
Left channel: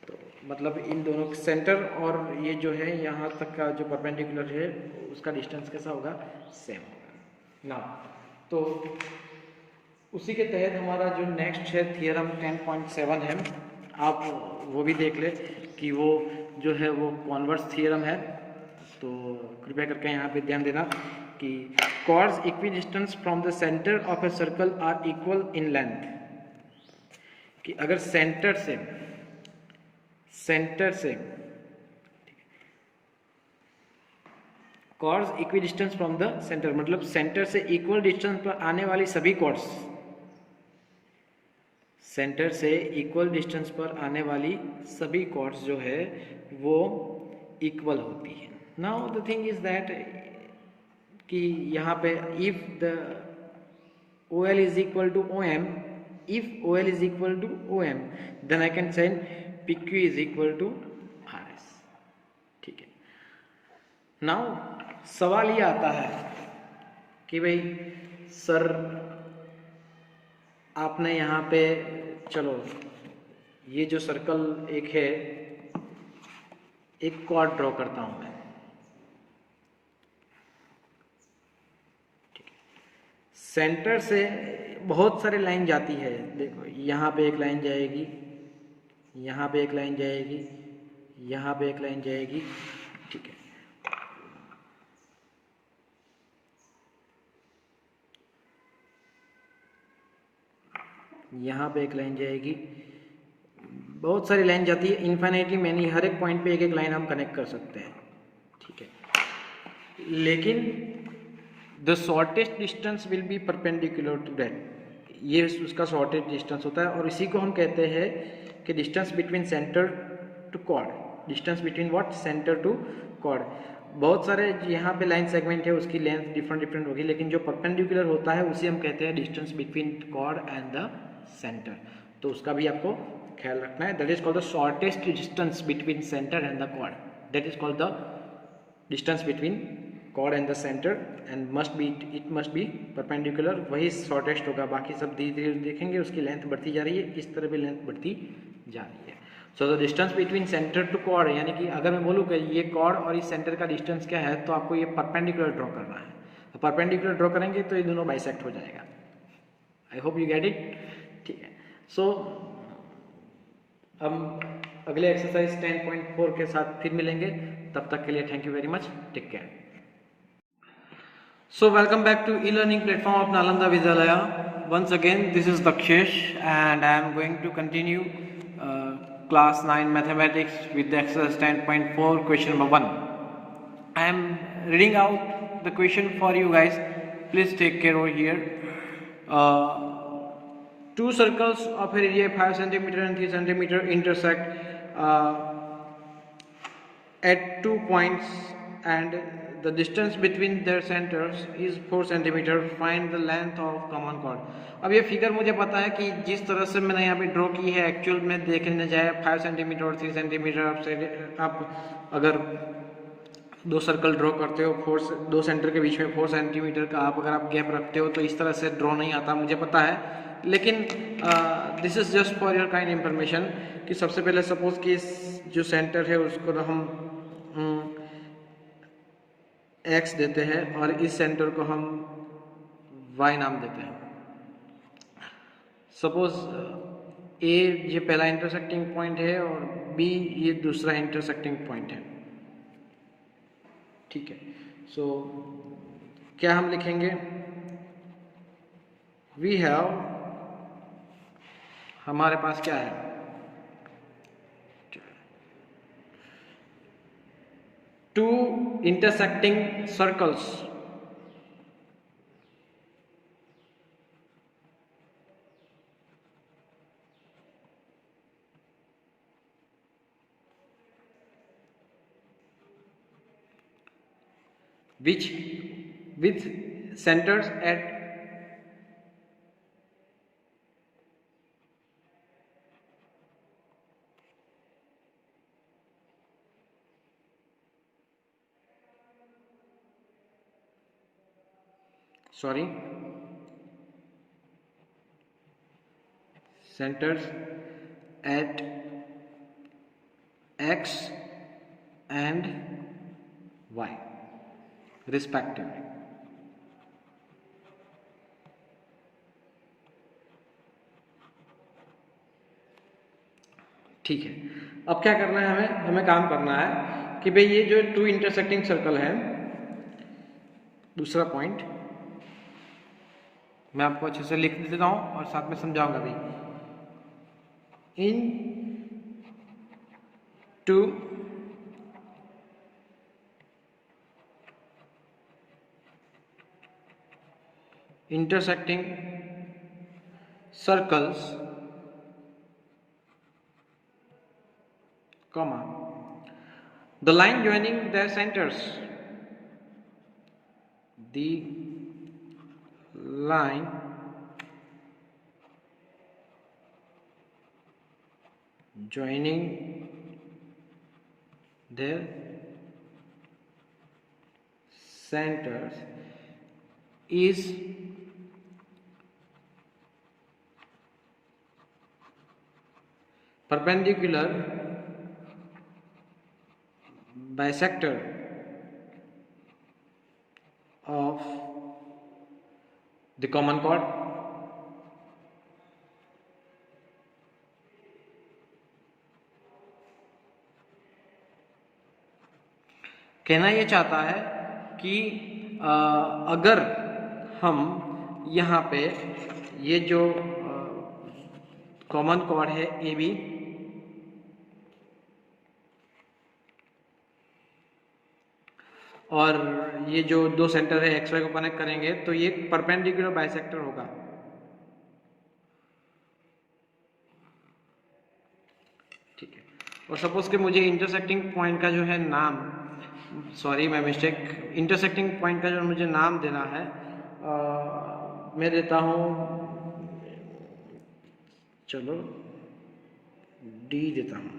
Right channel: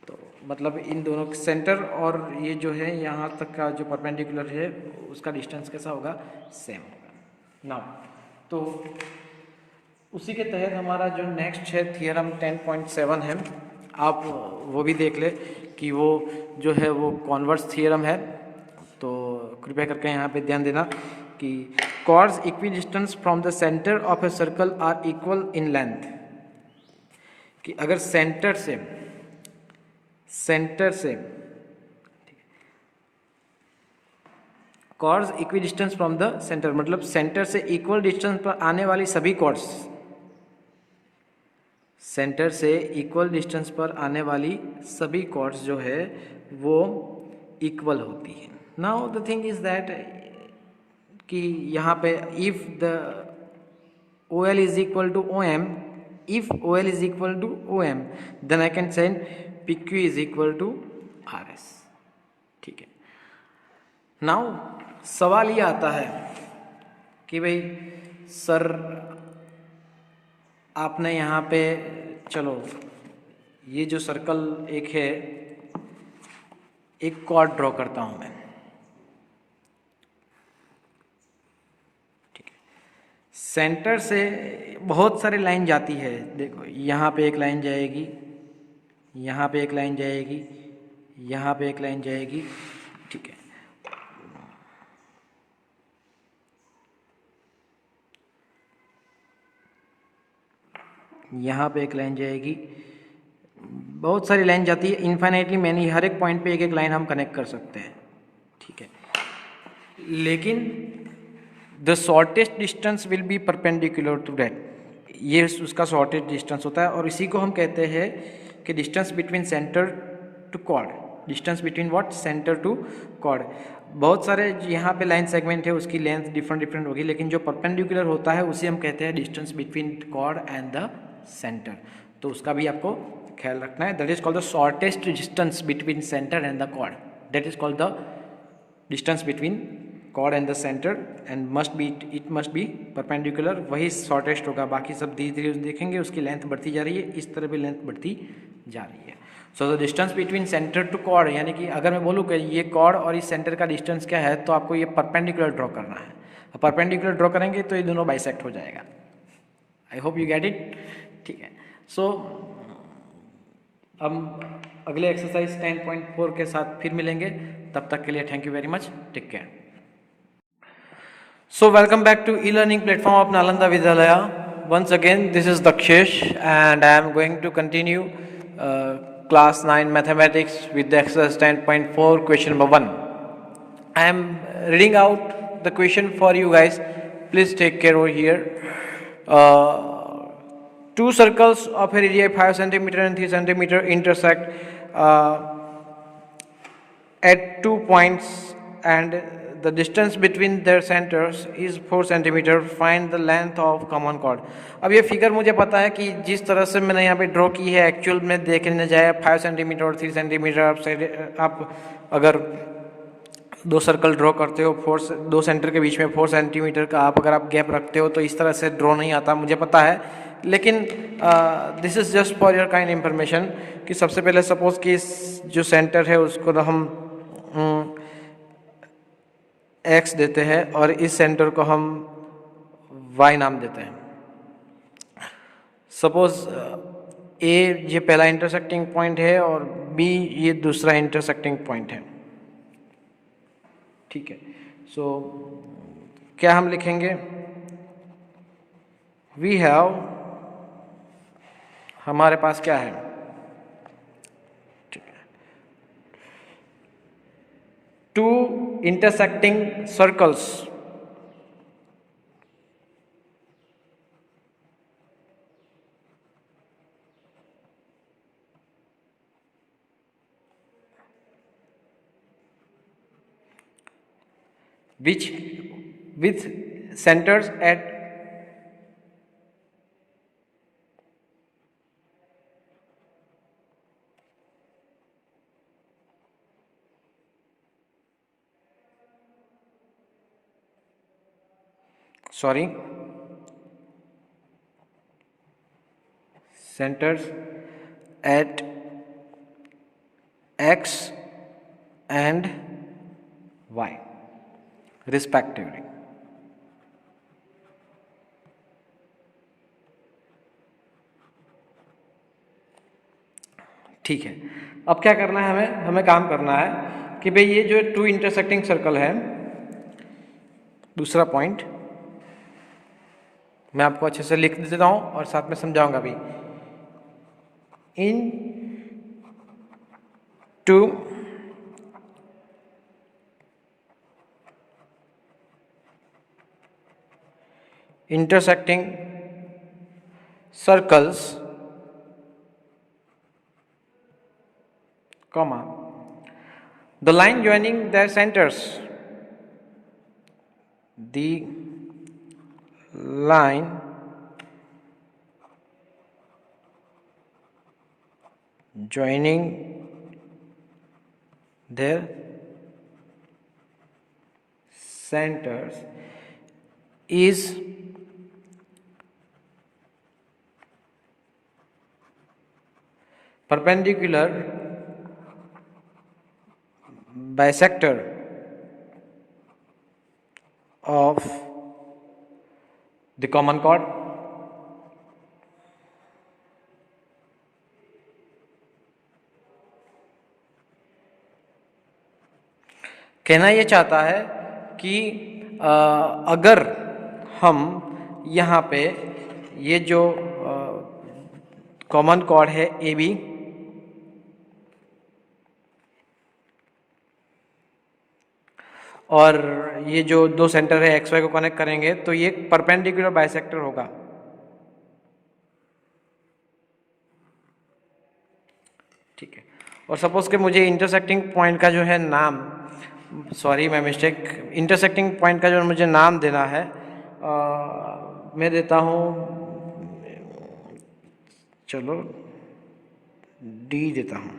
तो मतलब इन दोनों के सेंटर और ये जो है यहाँ तक का जो परपेंडिकुलर है उसका डिस्टेंस कैसा होगा, सेम होगा ना। तो उसी के तहत हमारा जो नेक्स्ट है थियरम 10.7 है, आप वो भी देख ले कि वो जो है वो कॉन्वर्स थियरम है। तो कृपया करके यहाँ पे ध्यान देना कि chords equidistant from the centre of a circle are equal in length, कि अगर सेंटर से chords equidistant from the centre मतलब सेंटर से इक्वल डिस्टेंस पर आने वाली सभी chords, सेंटर से इक्वल डिस्टेंस पर आने वाली सभी chords जो है वो इक्वल होती है। Now the thing is that कि यहाँ पे if the OL is equal to OM, if OL is equal to OM, then I can say PQ is equal to RS, ठीक है। नाउ सवाल ये आता है कि भाई सर आपने यहाँ पे, चलो ये जो सर्कल एक है, एक कॉर्ड ड्रॉ करता हूँ मैं, सेंटर से बहुत सारी लाइन जाती है। देखो यहाँ पे एक लाइन जाएगी, यहाँ पे एक लाइन जाएगी, यहाँ पे एक लाइन जाएगी, ठीक है। यहाँ पे एक लाइन जाएगी, बहुत सारी लाइन जाती है इन्फाइनाइटली मैनी, हर एक पॉइंट पे एक एक लाइन हम कनेक्ट कर सकते हैं, ठीक है। लेकिन the shortest distance will be perpendicular to that, ये उसका शॉर्टेस्ट डिस्टेंस होता है और इसी को हम कहते हैं कि distance between centre to chord, distance between what, centre to chord. बहुत सारे यहाँ पे लाइन सेगमेंट है उसकी लेंथ डिफरेंट होगी, लेकिन जो परपेंडिकुलर होता है उसे हम कहते हैं distance between chord and the centre. तो उसका भी आपको ख्याल रखना है। That is called the shortest distance between centre and the chord, that is called the distance between chord and the centre and it must be perpendicular, वही shortest होगा। बाकी सब धीरे धीरे देखेंगे उसकी लेंथ बढ़ती जा रही है, इस तरह भी लेंथ बढ़ती जा रही है। So the distance between centre to chord, यानी कि अगर मैं बोलूँ कि ये कॉर्ड और इस सेंटर का डिस्टेंस क्या है, तो आपको ये परपेंडिकुलर ड्रॉ करना है। परपेंडिकुलर ड्रॉ करेंगे तो ये दोनों बाइसेक्ट हो जाएगा। I hope you get it, ठीक है। सो हम अगले एक्सरसाइज 10.4 के साथ फिर मिलेंगे, तब तक के लिए thank you very much, take care. So welcome back to e-learning platform of Nalanda Vidyalaya. Once again, this is Dakshesh and I am going to continue class 9 mathematics with the exercise 10.4 question number 1. I am reading out the question for you guys. Please take care over here. Two circles of a area 5 centimeter and 3 centimeter intersect at 2 points and the distance between their centers is 4 centimeter. Find the length of common chord. अब ये figure मुझे पता है कि जिस तरह से मैंने यहाँ पे ड्रॉ की है एक्चुअल में देखने जाए 5 सेंटीमीटर और 3 सेंटीमीटर, आप अगर दो सर्कल ड्रॉ करते हो, दो सेंटर के बीच में 4 सेंटीमीटर का आप अगर आप गैप रखते हो तो इस तरह से ड्रॉ नहीं आता, मुझे पता है। लेकिन this is just for your kind information कि सबसे पहले सपोज कि जो सेंटर है उसको हम x देते हैं और इस सेंटर को हम y नाम देते हैं। सपोज A ये पहला इंटरसेक्टिंग पॉइंट है और B ये दूसरा इंटरसेक्टिंग पॉइंट है, ठीक है। सो क्या हम लिखेंगे, वी हैव, हमारे पास क्या है, two intersecting circles which with centers at centers at x and y respectively. ठीक है, अब क्या करना है हमें काम करना है कि भाई ये जो टू इंटरसेक्टिंग सर्कल है, दूसरा पॉइंट मैं आपको अच्छे से लिख देता हूँ और साथ में समझाऊंगा भी। इन to intersecting circles, comma, the line joining their centers, the line joining their centers is perpendicular bisector of the common chord. कहना ये चाहता है कि अगर हम यहाँ पे ये जो कॉमन कॉर्ड है ए बी, और ये जो दो सेंटर है एक्स वाई को कनेक्ट करेंगे तो ये परपेंडिकुलर बाइसेक्टर होगा। ठीक है, और सपोज के मुझे इंटरसेक्टिंग पॉइंट का जो है नाम, सॉरी मैं मिस्टेक, इंटरसेक्टिंग पॉइंट का जो मुझे नाम देना है मैं देता हूँ, चलो डी देता हूँ।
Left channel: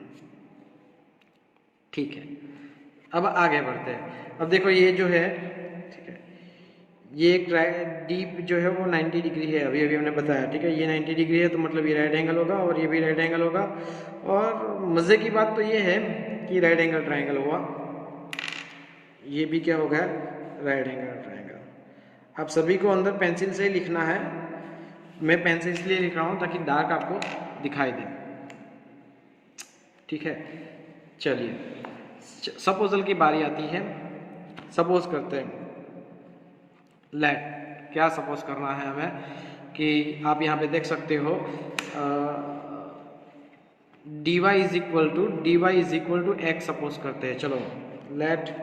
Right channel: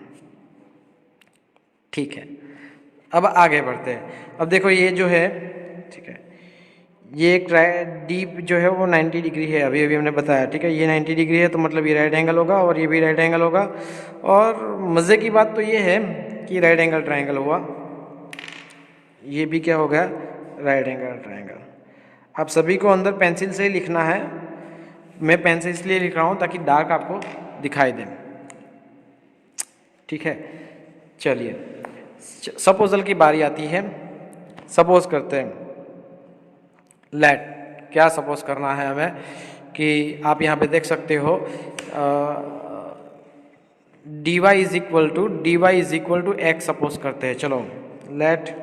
ठीक है, अब आगे बढ़ते हैं। अब देखो ये जो है, ठीक है, ये एक डी जो है वो 90 डिग्री है, अभी अभी हमने बताया। ठीक है, ये 90 डिग्री है तो मतलब ये राइट एंगल होगा और ये भी राइट एंगल होगा। और मज़े की बात तो ये है कि राइट एंगल ट्रायंगल हुआ, ये भी क्या हो गया, राइट एंगल ट्रायंगल। आप सभी को अंदर पेंसिल से ही लिखना है, मैं पेन से इसलिए लिख रहा हूँ ताकि डार्क आपको दिखाई दे। ठीक है, चलिए सपोजल की बारी आती है। सपोज करते हैं, लेट, क्या सपोज करना है हमें कि आप यहाँ पे देख सकते हो dy is equal to x suppose करते हैं। चलो let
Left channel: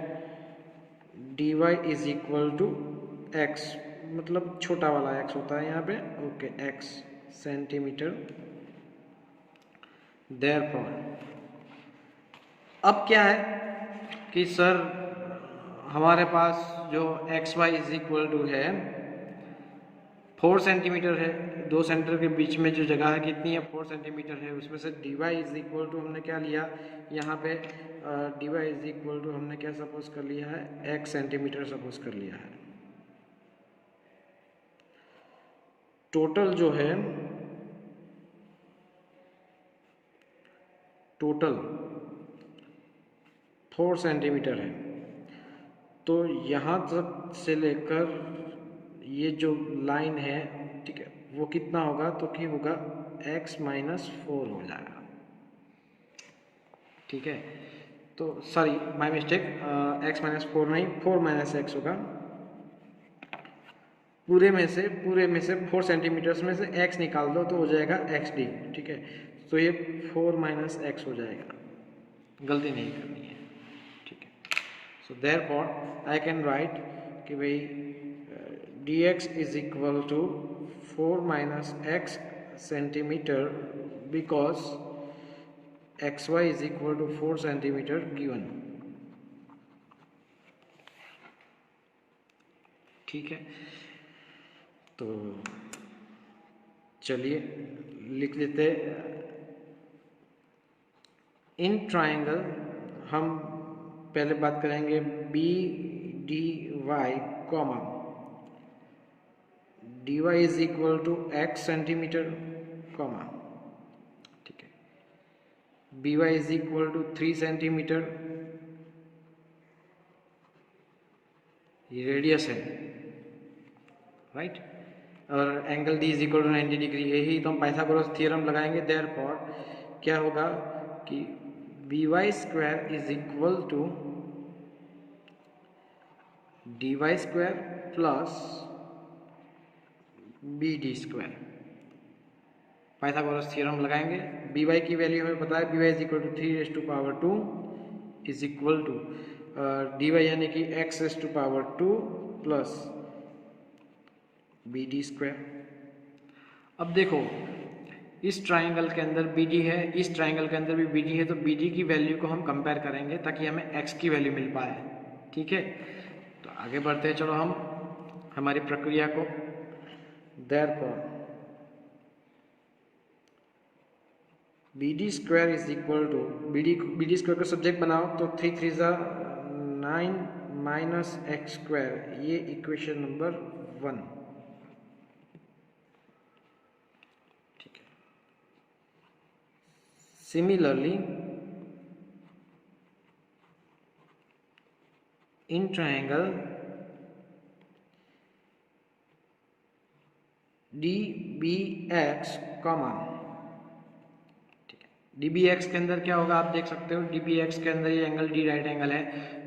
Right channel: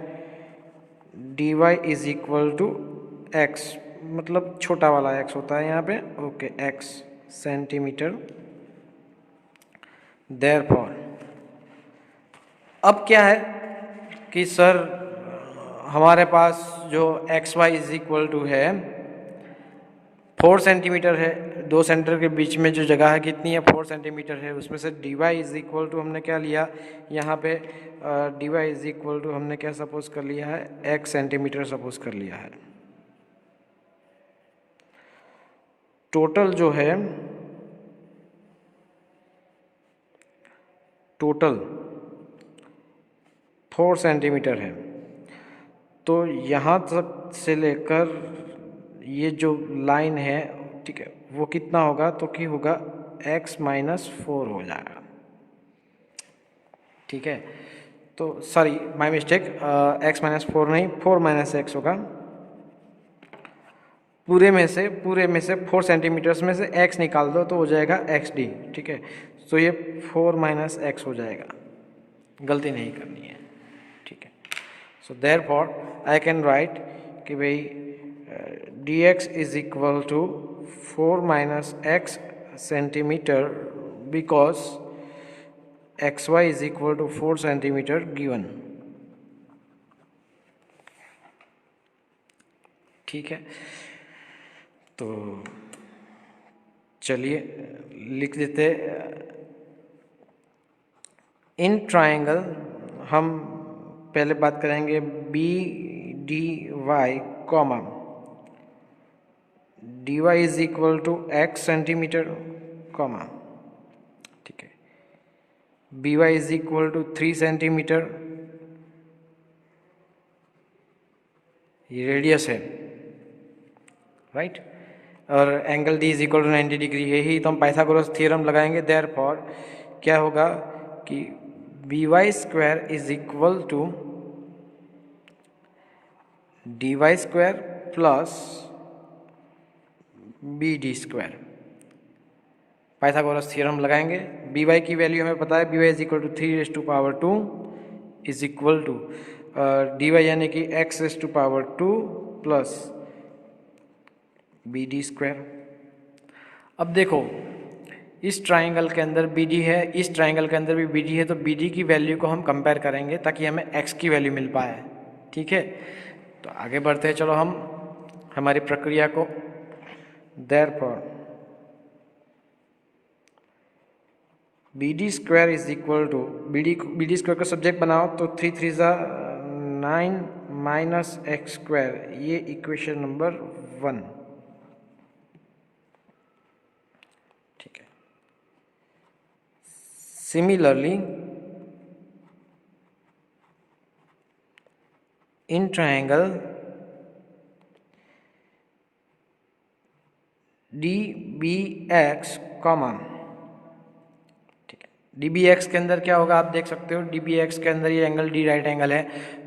dy is equal to x, मतलब छोटा वाला एक्स होता है यहाँ पे, ओके, एक्स सेंटीमीटर। देयरफॉर अब क्या है कि सर हमारे पास जो X Y is equal to है 4 सेंटीमीटर है, दो सेंटर के बीच में जो जगह है कितनी है, 4 सेंटीमीटर है। उसमें से D Y is equal to हमने क्या लिया यहाँ पे, D Y is equal to हमने क्या सपोज कर लिया है, एक्स सेंटीमीटर सपोज कर लिया है। टोटल जो है, टोटल 4 सेंटीमीटर है, तो यहाँ तक से लेकर ये जो लाइन है, ठीक है, वो कितना होगा, तो कि होगा x माइनस 4 हो जाएगा। ठीक है, तो sorry my mistake, x minus 4 नहीं, 4 माइनस एक्स होगा। पूरे में से 4 सेंटीमीटर्स में से x निकाल दो तो हो जाएगा xd। ठीक है, तो ये 4 माइनस एक्स हो जाएगा, गलती नहीं करनी है। ठीक है, so therefore I can right कि भाई dx is equal to 4 minus x centimeter because xy is equal to 4 centimeter given। ठीक है, तो चलिए लिख देते, इन ट्रायंगल हम पहले बात करेंगे B D Y comma dy is equal to x centimetre comma B Y is equal to 3 centimetre, ये रेडियस है, राइट। और angle D is equal to 90 degree, यही तो हम पाइथागोरस थ्योरम लगाएंगे। देयरफॉर क्या होगा कि B Y square is equal to D Y square plus B D square. Pythagoras theorem लगाएंगे। बी वाई की वैल्यू हमें पता है, B Y is equal to 3⁻² is equal to D Y यानी कि x⁻² plus B D square. अब देखो इस ट्राइंगल के अंदर बी डी है, इस ट्राइंगल के अंदर भी बी डी है, तो बी डी की वैल्यू को हम कंपेयर करेंगे ताकि हमें x की वैल्यू मिल पाए, ठीक है। तो आगे बढ़ते हैं, चलो हम हमारी प्रक्रिया को। Therefore B D square is equal to B D square का सब्जेक्ट बनाओ तो 3 3 9 माइनस एक्स स्क्वायर, ये इक्वेशन नंबर 1, ठीक है। Similarly in triangle D B X common, D B X के अंदर क्या होगा आप देख सकते हो, डी बी एक्स के अंदर ये एंगल डी राइट एंगल है,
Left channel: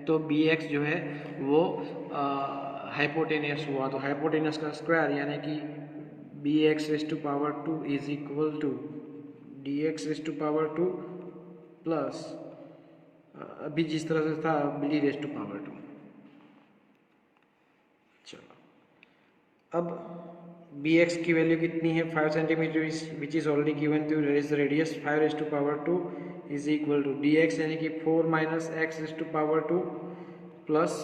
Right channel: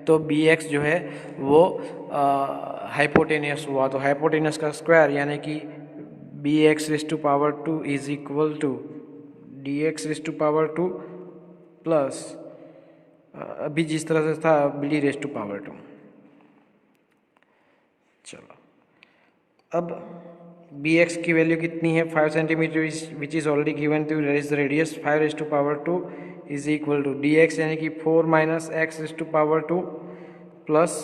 तो बी एक्स जो है वो हाइपोटेनियस हुआ, तो हाइपोटेनियस का स्क्वायर यानी कि B X raise to power 2 is equal to D X raise to power 2 plus अभी जिस तरह से था B D raise to power 2। चलो अब बी एक्स की वैल्यू कितनी है, 5 centimetre, which is already given to raise the radius 5⁻² is equal to D x यानी कि 4 minus x⁻² plus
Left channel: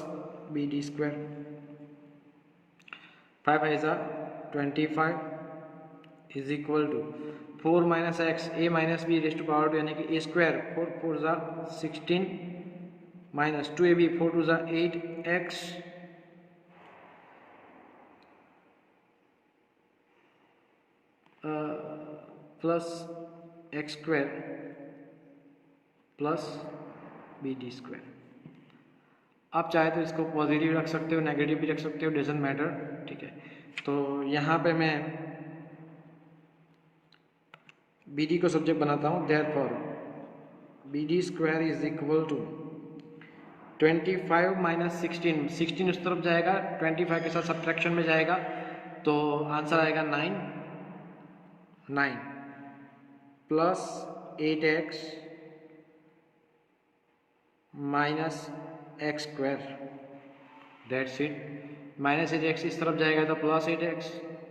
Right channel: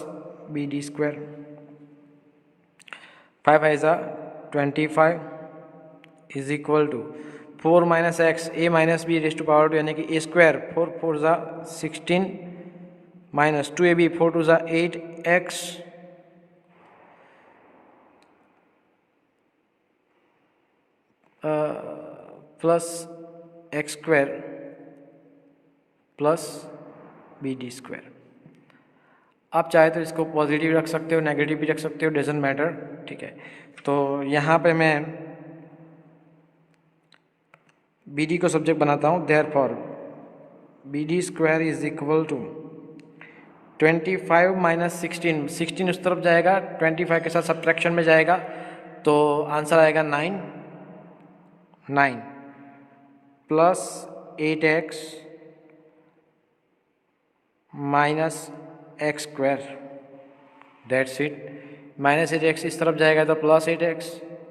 B D square. 5 ऐसा 25 is equal to 4 minus x A minus B raise to power 2 यानी कि A square, 4 4 16 minus 2 A B 4 2 8 x plus x square plus B D square. आप चाहे तो इसको positive रख सकते हो, नेगेटिव भी रख सकते हो, डजेंट मैटर, ठीक है। तो यहाँ पे मैं बी डी को सब्जेक्ट बनाता हूँ। Therefore B D square is equal to 25 minus 16, 16 उस तरफ जाएगा, 25 के साथ सब्ट्रैक्शन में जाएगा, तो आंसर आएगा 9 plus 8x minus x square, that's it. Minus 8x इस तरफ जाएगा तो प्लस 8x,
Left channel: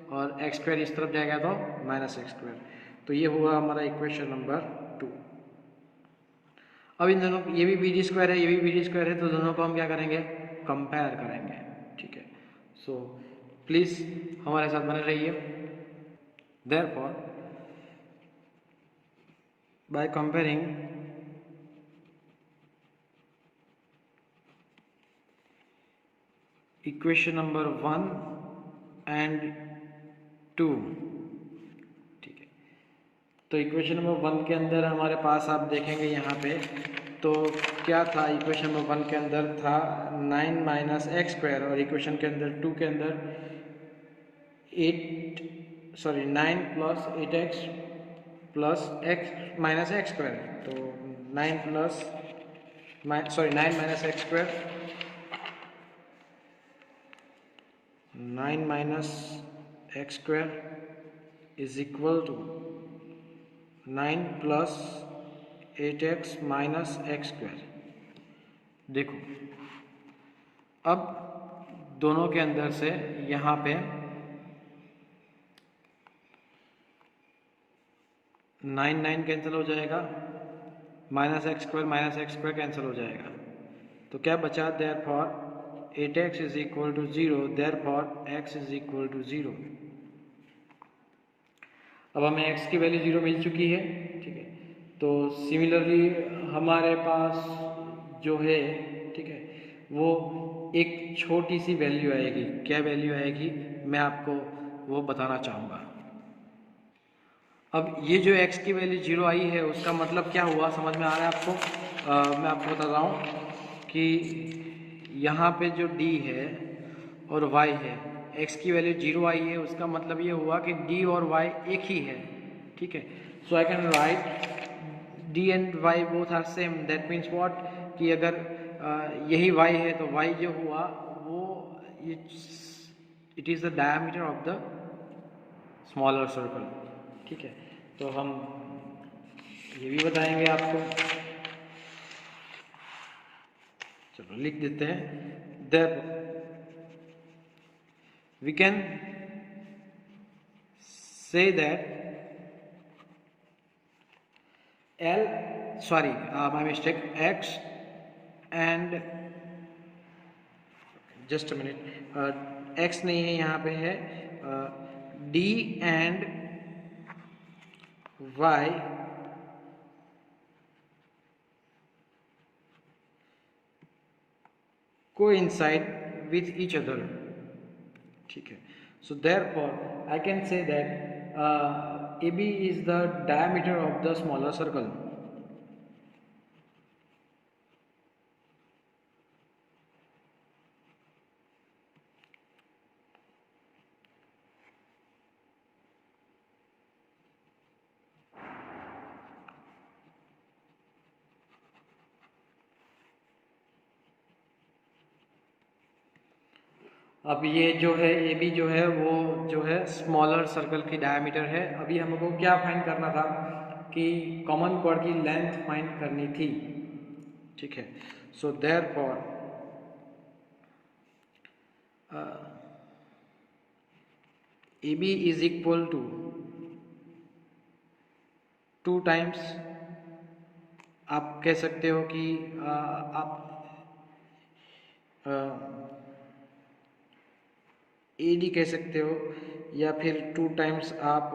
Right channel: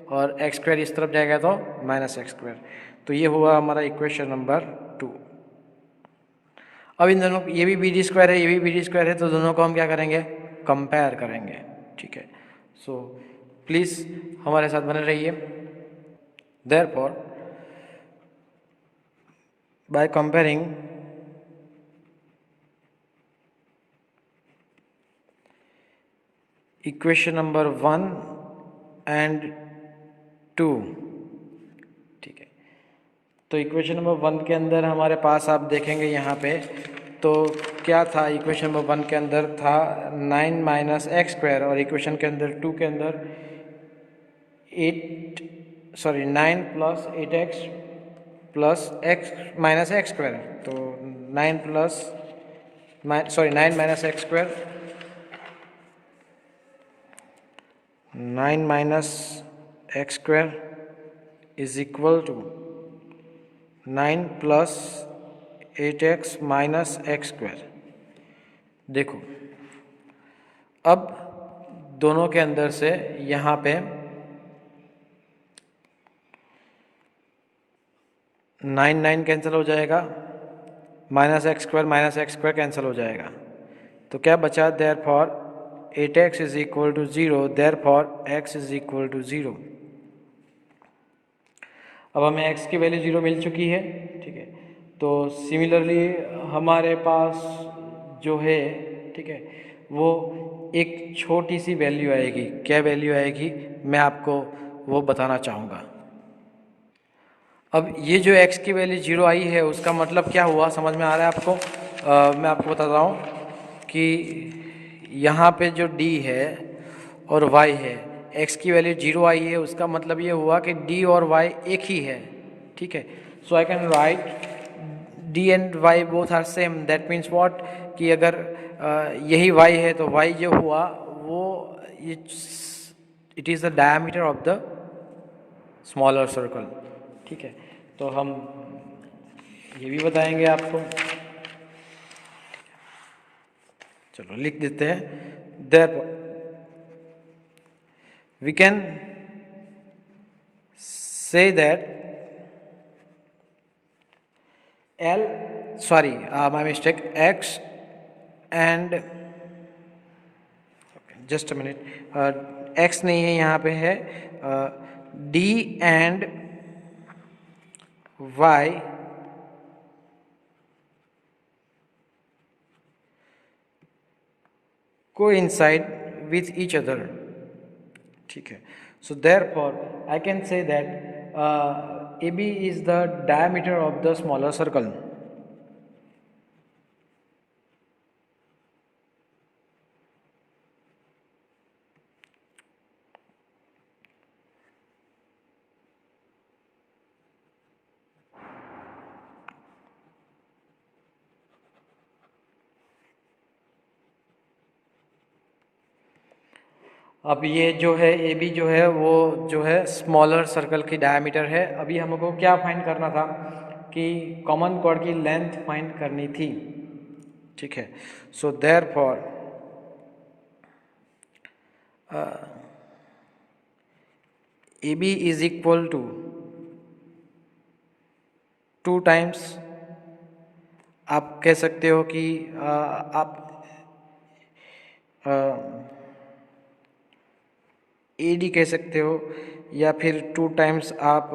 और एक्स स्क्वायर इस तरफ जाएगा तो माइनस एक्स स्क्वायर। तो ये हुआ हमारा इक्वेशन नंबर 2। अब इन दोनों, ये भी बी डी स्क्वायर है, ये भी बी डी स्क्वायर है, तो दोनों को हम क्या करेंगे, कंपेयर करेंगे, ठीक है। सो प्लीज़ हमारे साथ बने रहिए। Therefore by comparing equation number 1 and 2, ठीक है। तो इक्वेशन नंबर 1 के अंदर हमारे पास आप देखेंगे यहाँ पे, तो क्या था, इक्वेशन नंबर 1 के अंदर था 9 माइनस एक्स स्क्वायर, और इक्वेशन के अंदर 2 के अंदर 9 plus 8x plus x minus x square, तो 9 minus x square, 9 minus x square is equal to 9 plus 8x minus x square. देखो अब दोनों के अंदर से यहाँ पे 9 कैंसिल हो जाएगा, माइनस एक्स स्क्वायर कैंसिल हो जाएगा, तो क्या बचा, therefore 8x is equal to 0, therefore x is equal to 0। अब हमें x की वैल्यू 0 मिल चुकी है, ठीक है। तो सिमिलरली हमारे पास जो है, ठीक है, वो एक छोटी सी वैल्यू आएगी। क्या वैल्यू आएगी मैं आपको वो बताना चाहूँगा। अब ये जो x की वैल्यू 0 आई है उसका मतलब क्या हुआ, समझ में आ रहा है आपको? मैं आपको बता रहा हूँ कि यहाँ पे जो d है और y है, x की वैल्यू 0 आई है, उसका मतलब ये हुआ कि d और y एक ही है, ठीक है। So I can write d and y both are same, that means what, कि अगर यही y है तो y जो हुआ वो it is the diameter of the smaller circle, ठीक है। तो हम ये भी बताएंगे आपको, चलो लिख देते हैं। There we can say that L, sorry, my mistake, X and just a minute, X नहीं है यहाँ पे है, D and Y coincide with each other, ठीक है। So therefore I can say that AB is the diameter of the smaller circle. अब ये जो है ए बी जो है वो जो है स्मॉलर सर्कल की डायमीटर है। अभी हमको क्या फाइंड करना था कि कॉमन कॉर्ड की लेंथ फाइंड करनी थी, ठीक है। So therefore A B is equal to 2 times, आप कह सकते हो कि आप ए डी कह सकते हो, या फिर 2 टाइम्स आप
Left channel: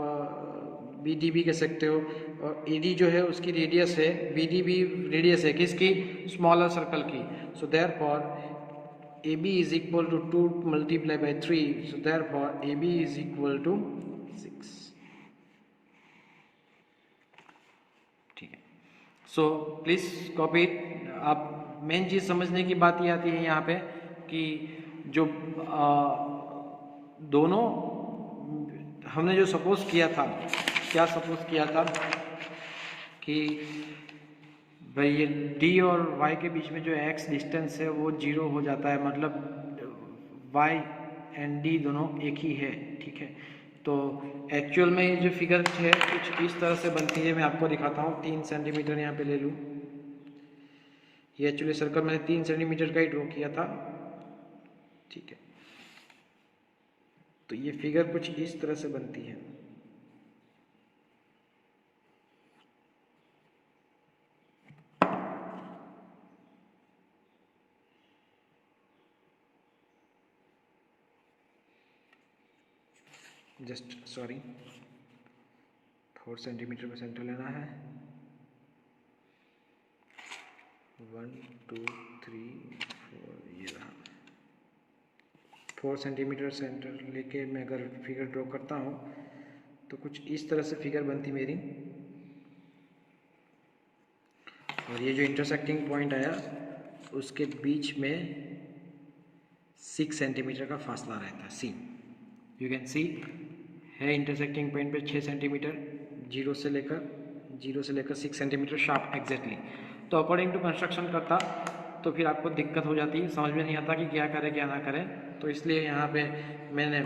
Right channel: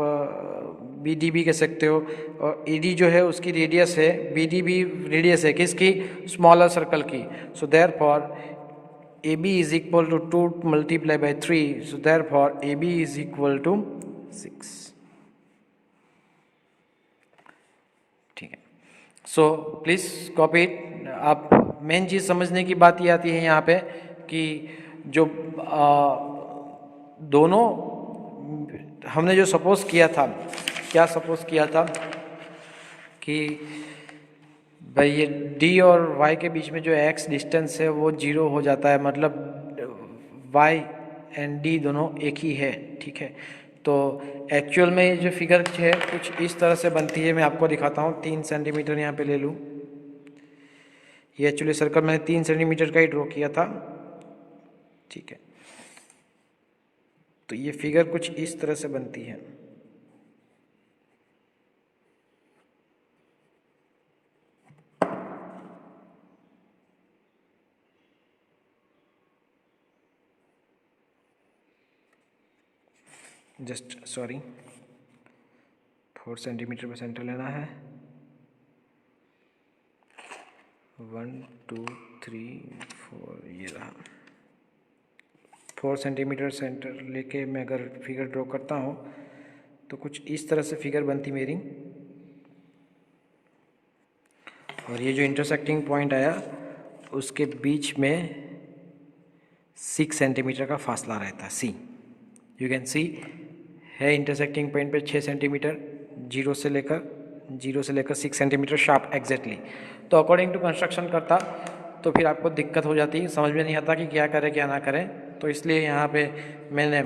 बी डी भी कह सकते हो। और ए डी जो है उसकी रेडियस है, बी डी भी रेडियस है किसकी, स्मॉलर सर्कल की। So therefore A B is equal to 2 multiply by 3, so therefore A B is equal to 6, ठीक है। So please copy it. आप मेन चीज़ समझने की बात ये आती है यहाँ पे कि जो दोनों हमने जो सपोज किया था, क्या सपोज किया था कि भाई ये d और y के बीच में जो x डिस्टेंस है वो 0 हो जाता है, मतलब y एंड d दोनों एक ही है, ठीक है। तो एक्चुअल में ये जो फिगर है कुछ इस तरह से बनती है, मैं आपको दिखाता हूँ। 3 सेंटीमीटर यहाँ पे ले लूँ, ये एक्चुअली सर्कल मैंने 3 सेंटीमीटर का ही ड्रॉ किया था, ठीक है। तो ये फिगर कुछ इस तरह से बनती है। जस्ट सॉरी, 4 सेंटीमीटर में सेंटर लेना है। 1 2 3 4, ये रहा 4 सेंटीमीटर सेंटर लेके मैं अगर फिगर ड्रॉ करता हूँ तो कुछ इस तरह से फिगर बनती मेरी। और ये जो इंटरसेक्टिंग पॉइंट आया उसके बीच में 6 सेंटीमीटर का फासला रहता है, सी यू कैन सी है इंटरसेक्टिंग पॉइंट पे 6 सेंटीमीटर, 0 से लेकर 6 सेंटीमीटर शार्प एग्जैक्टली। तो अकॉर्डिंग टू कंस्ट्रक्शन करता तो फिर आपको दिक्कत हो जाती, समझ में नहीं आता कि क्या करें क्या ना करें। तो इसलिए यहाँ पे मैंने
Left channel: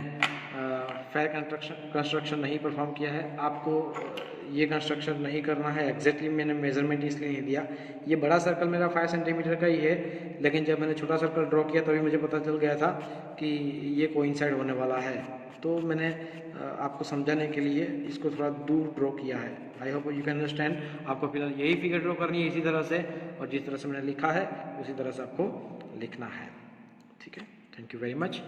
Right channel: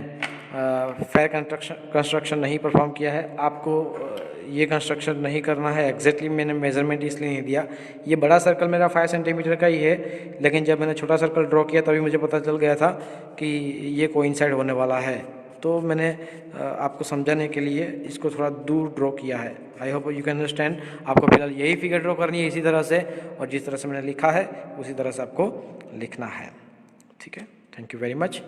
फेयर कंस्ट्रक्शन नहीं परफॉर्म किया है। आपको ये कंस्ट्रक्शन नहीं करना है, एग्जैक्टली मैंने मेजरमेंट इसलिए नहीं दिया। ये बड़ा सर्कल मेरा 5 सेंटीमीटर का ही है, लेकिन जब मैंने छोटा सर्कल ड्रॉ किया तभी मुझे पता चल गया था कि ये कोइंसाइड होने वाला है। तो मैंने आपको समझाने के लिए इसको थोड़ा दूर ड्रॉ किया है। I hope you can understand. आपको फिलहाल यही फिगर ड्रॉ करनी है इसी तरह से, और जिस तरह से मैंने लिखा है उसी तरह से आपको लिखना है, ठीक है। Thank you very much.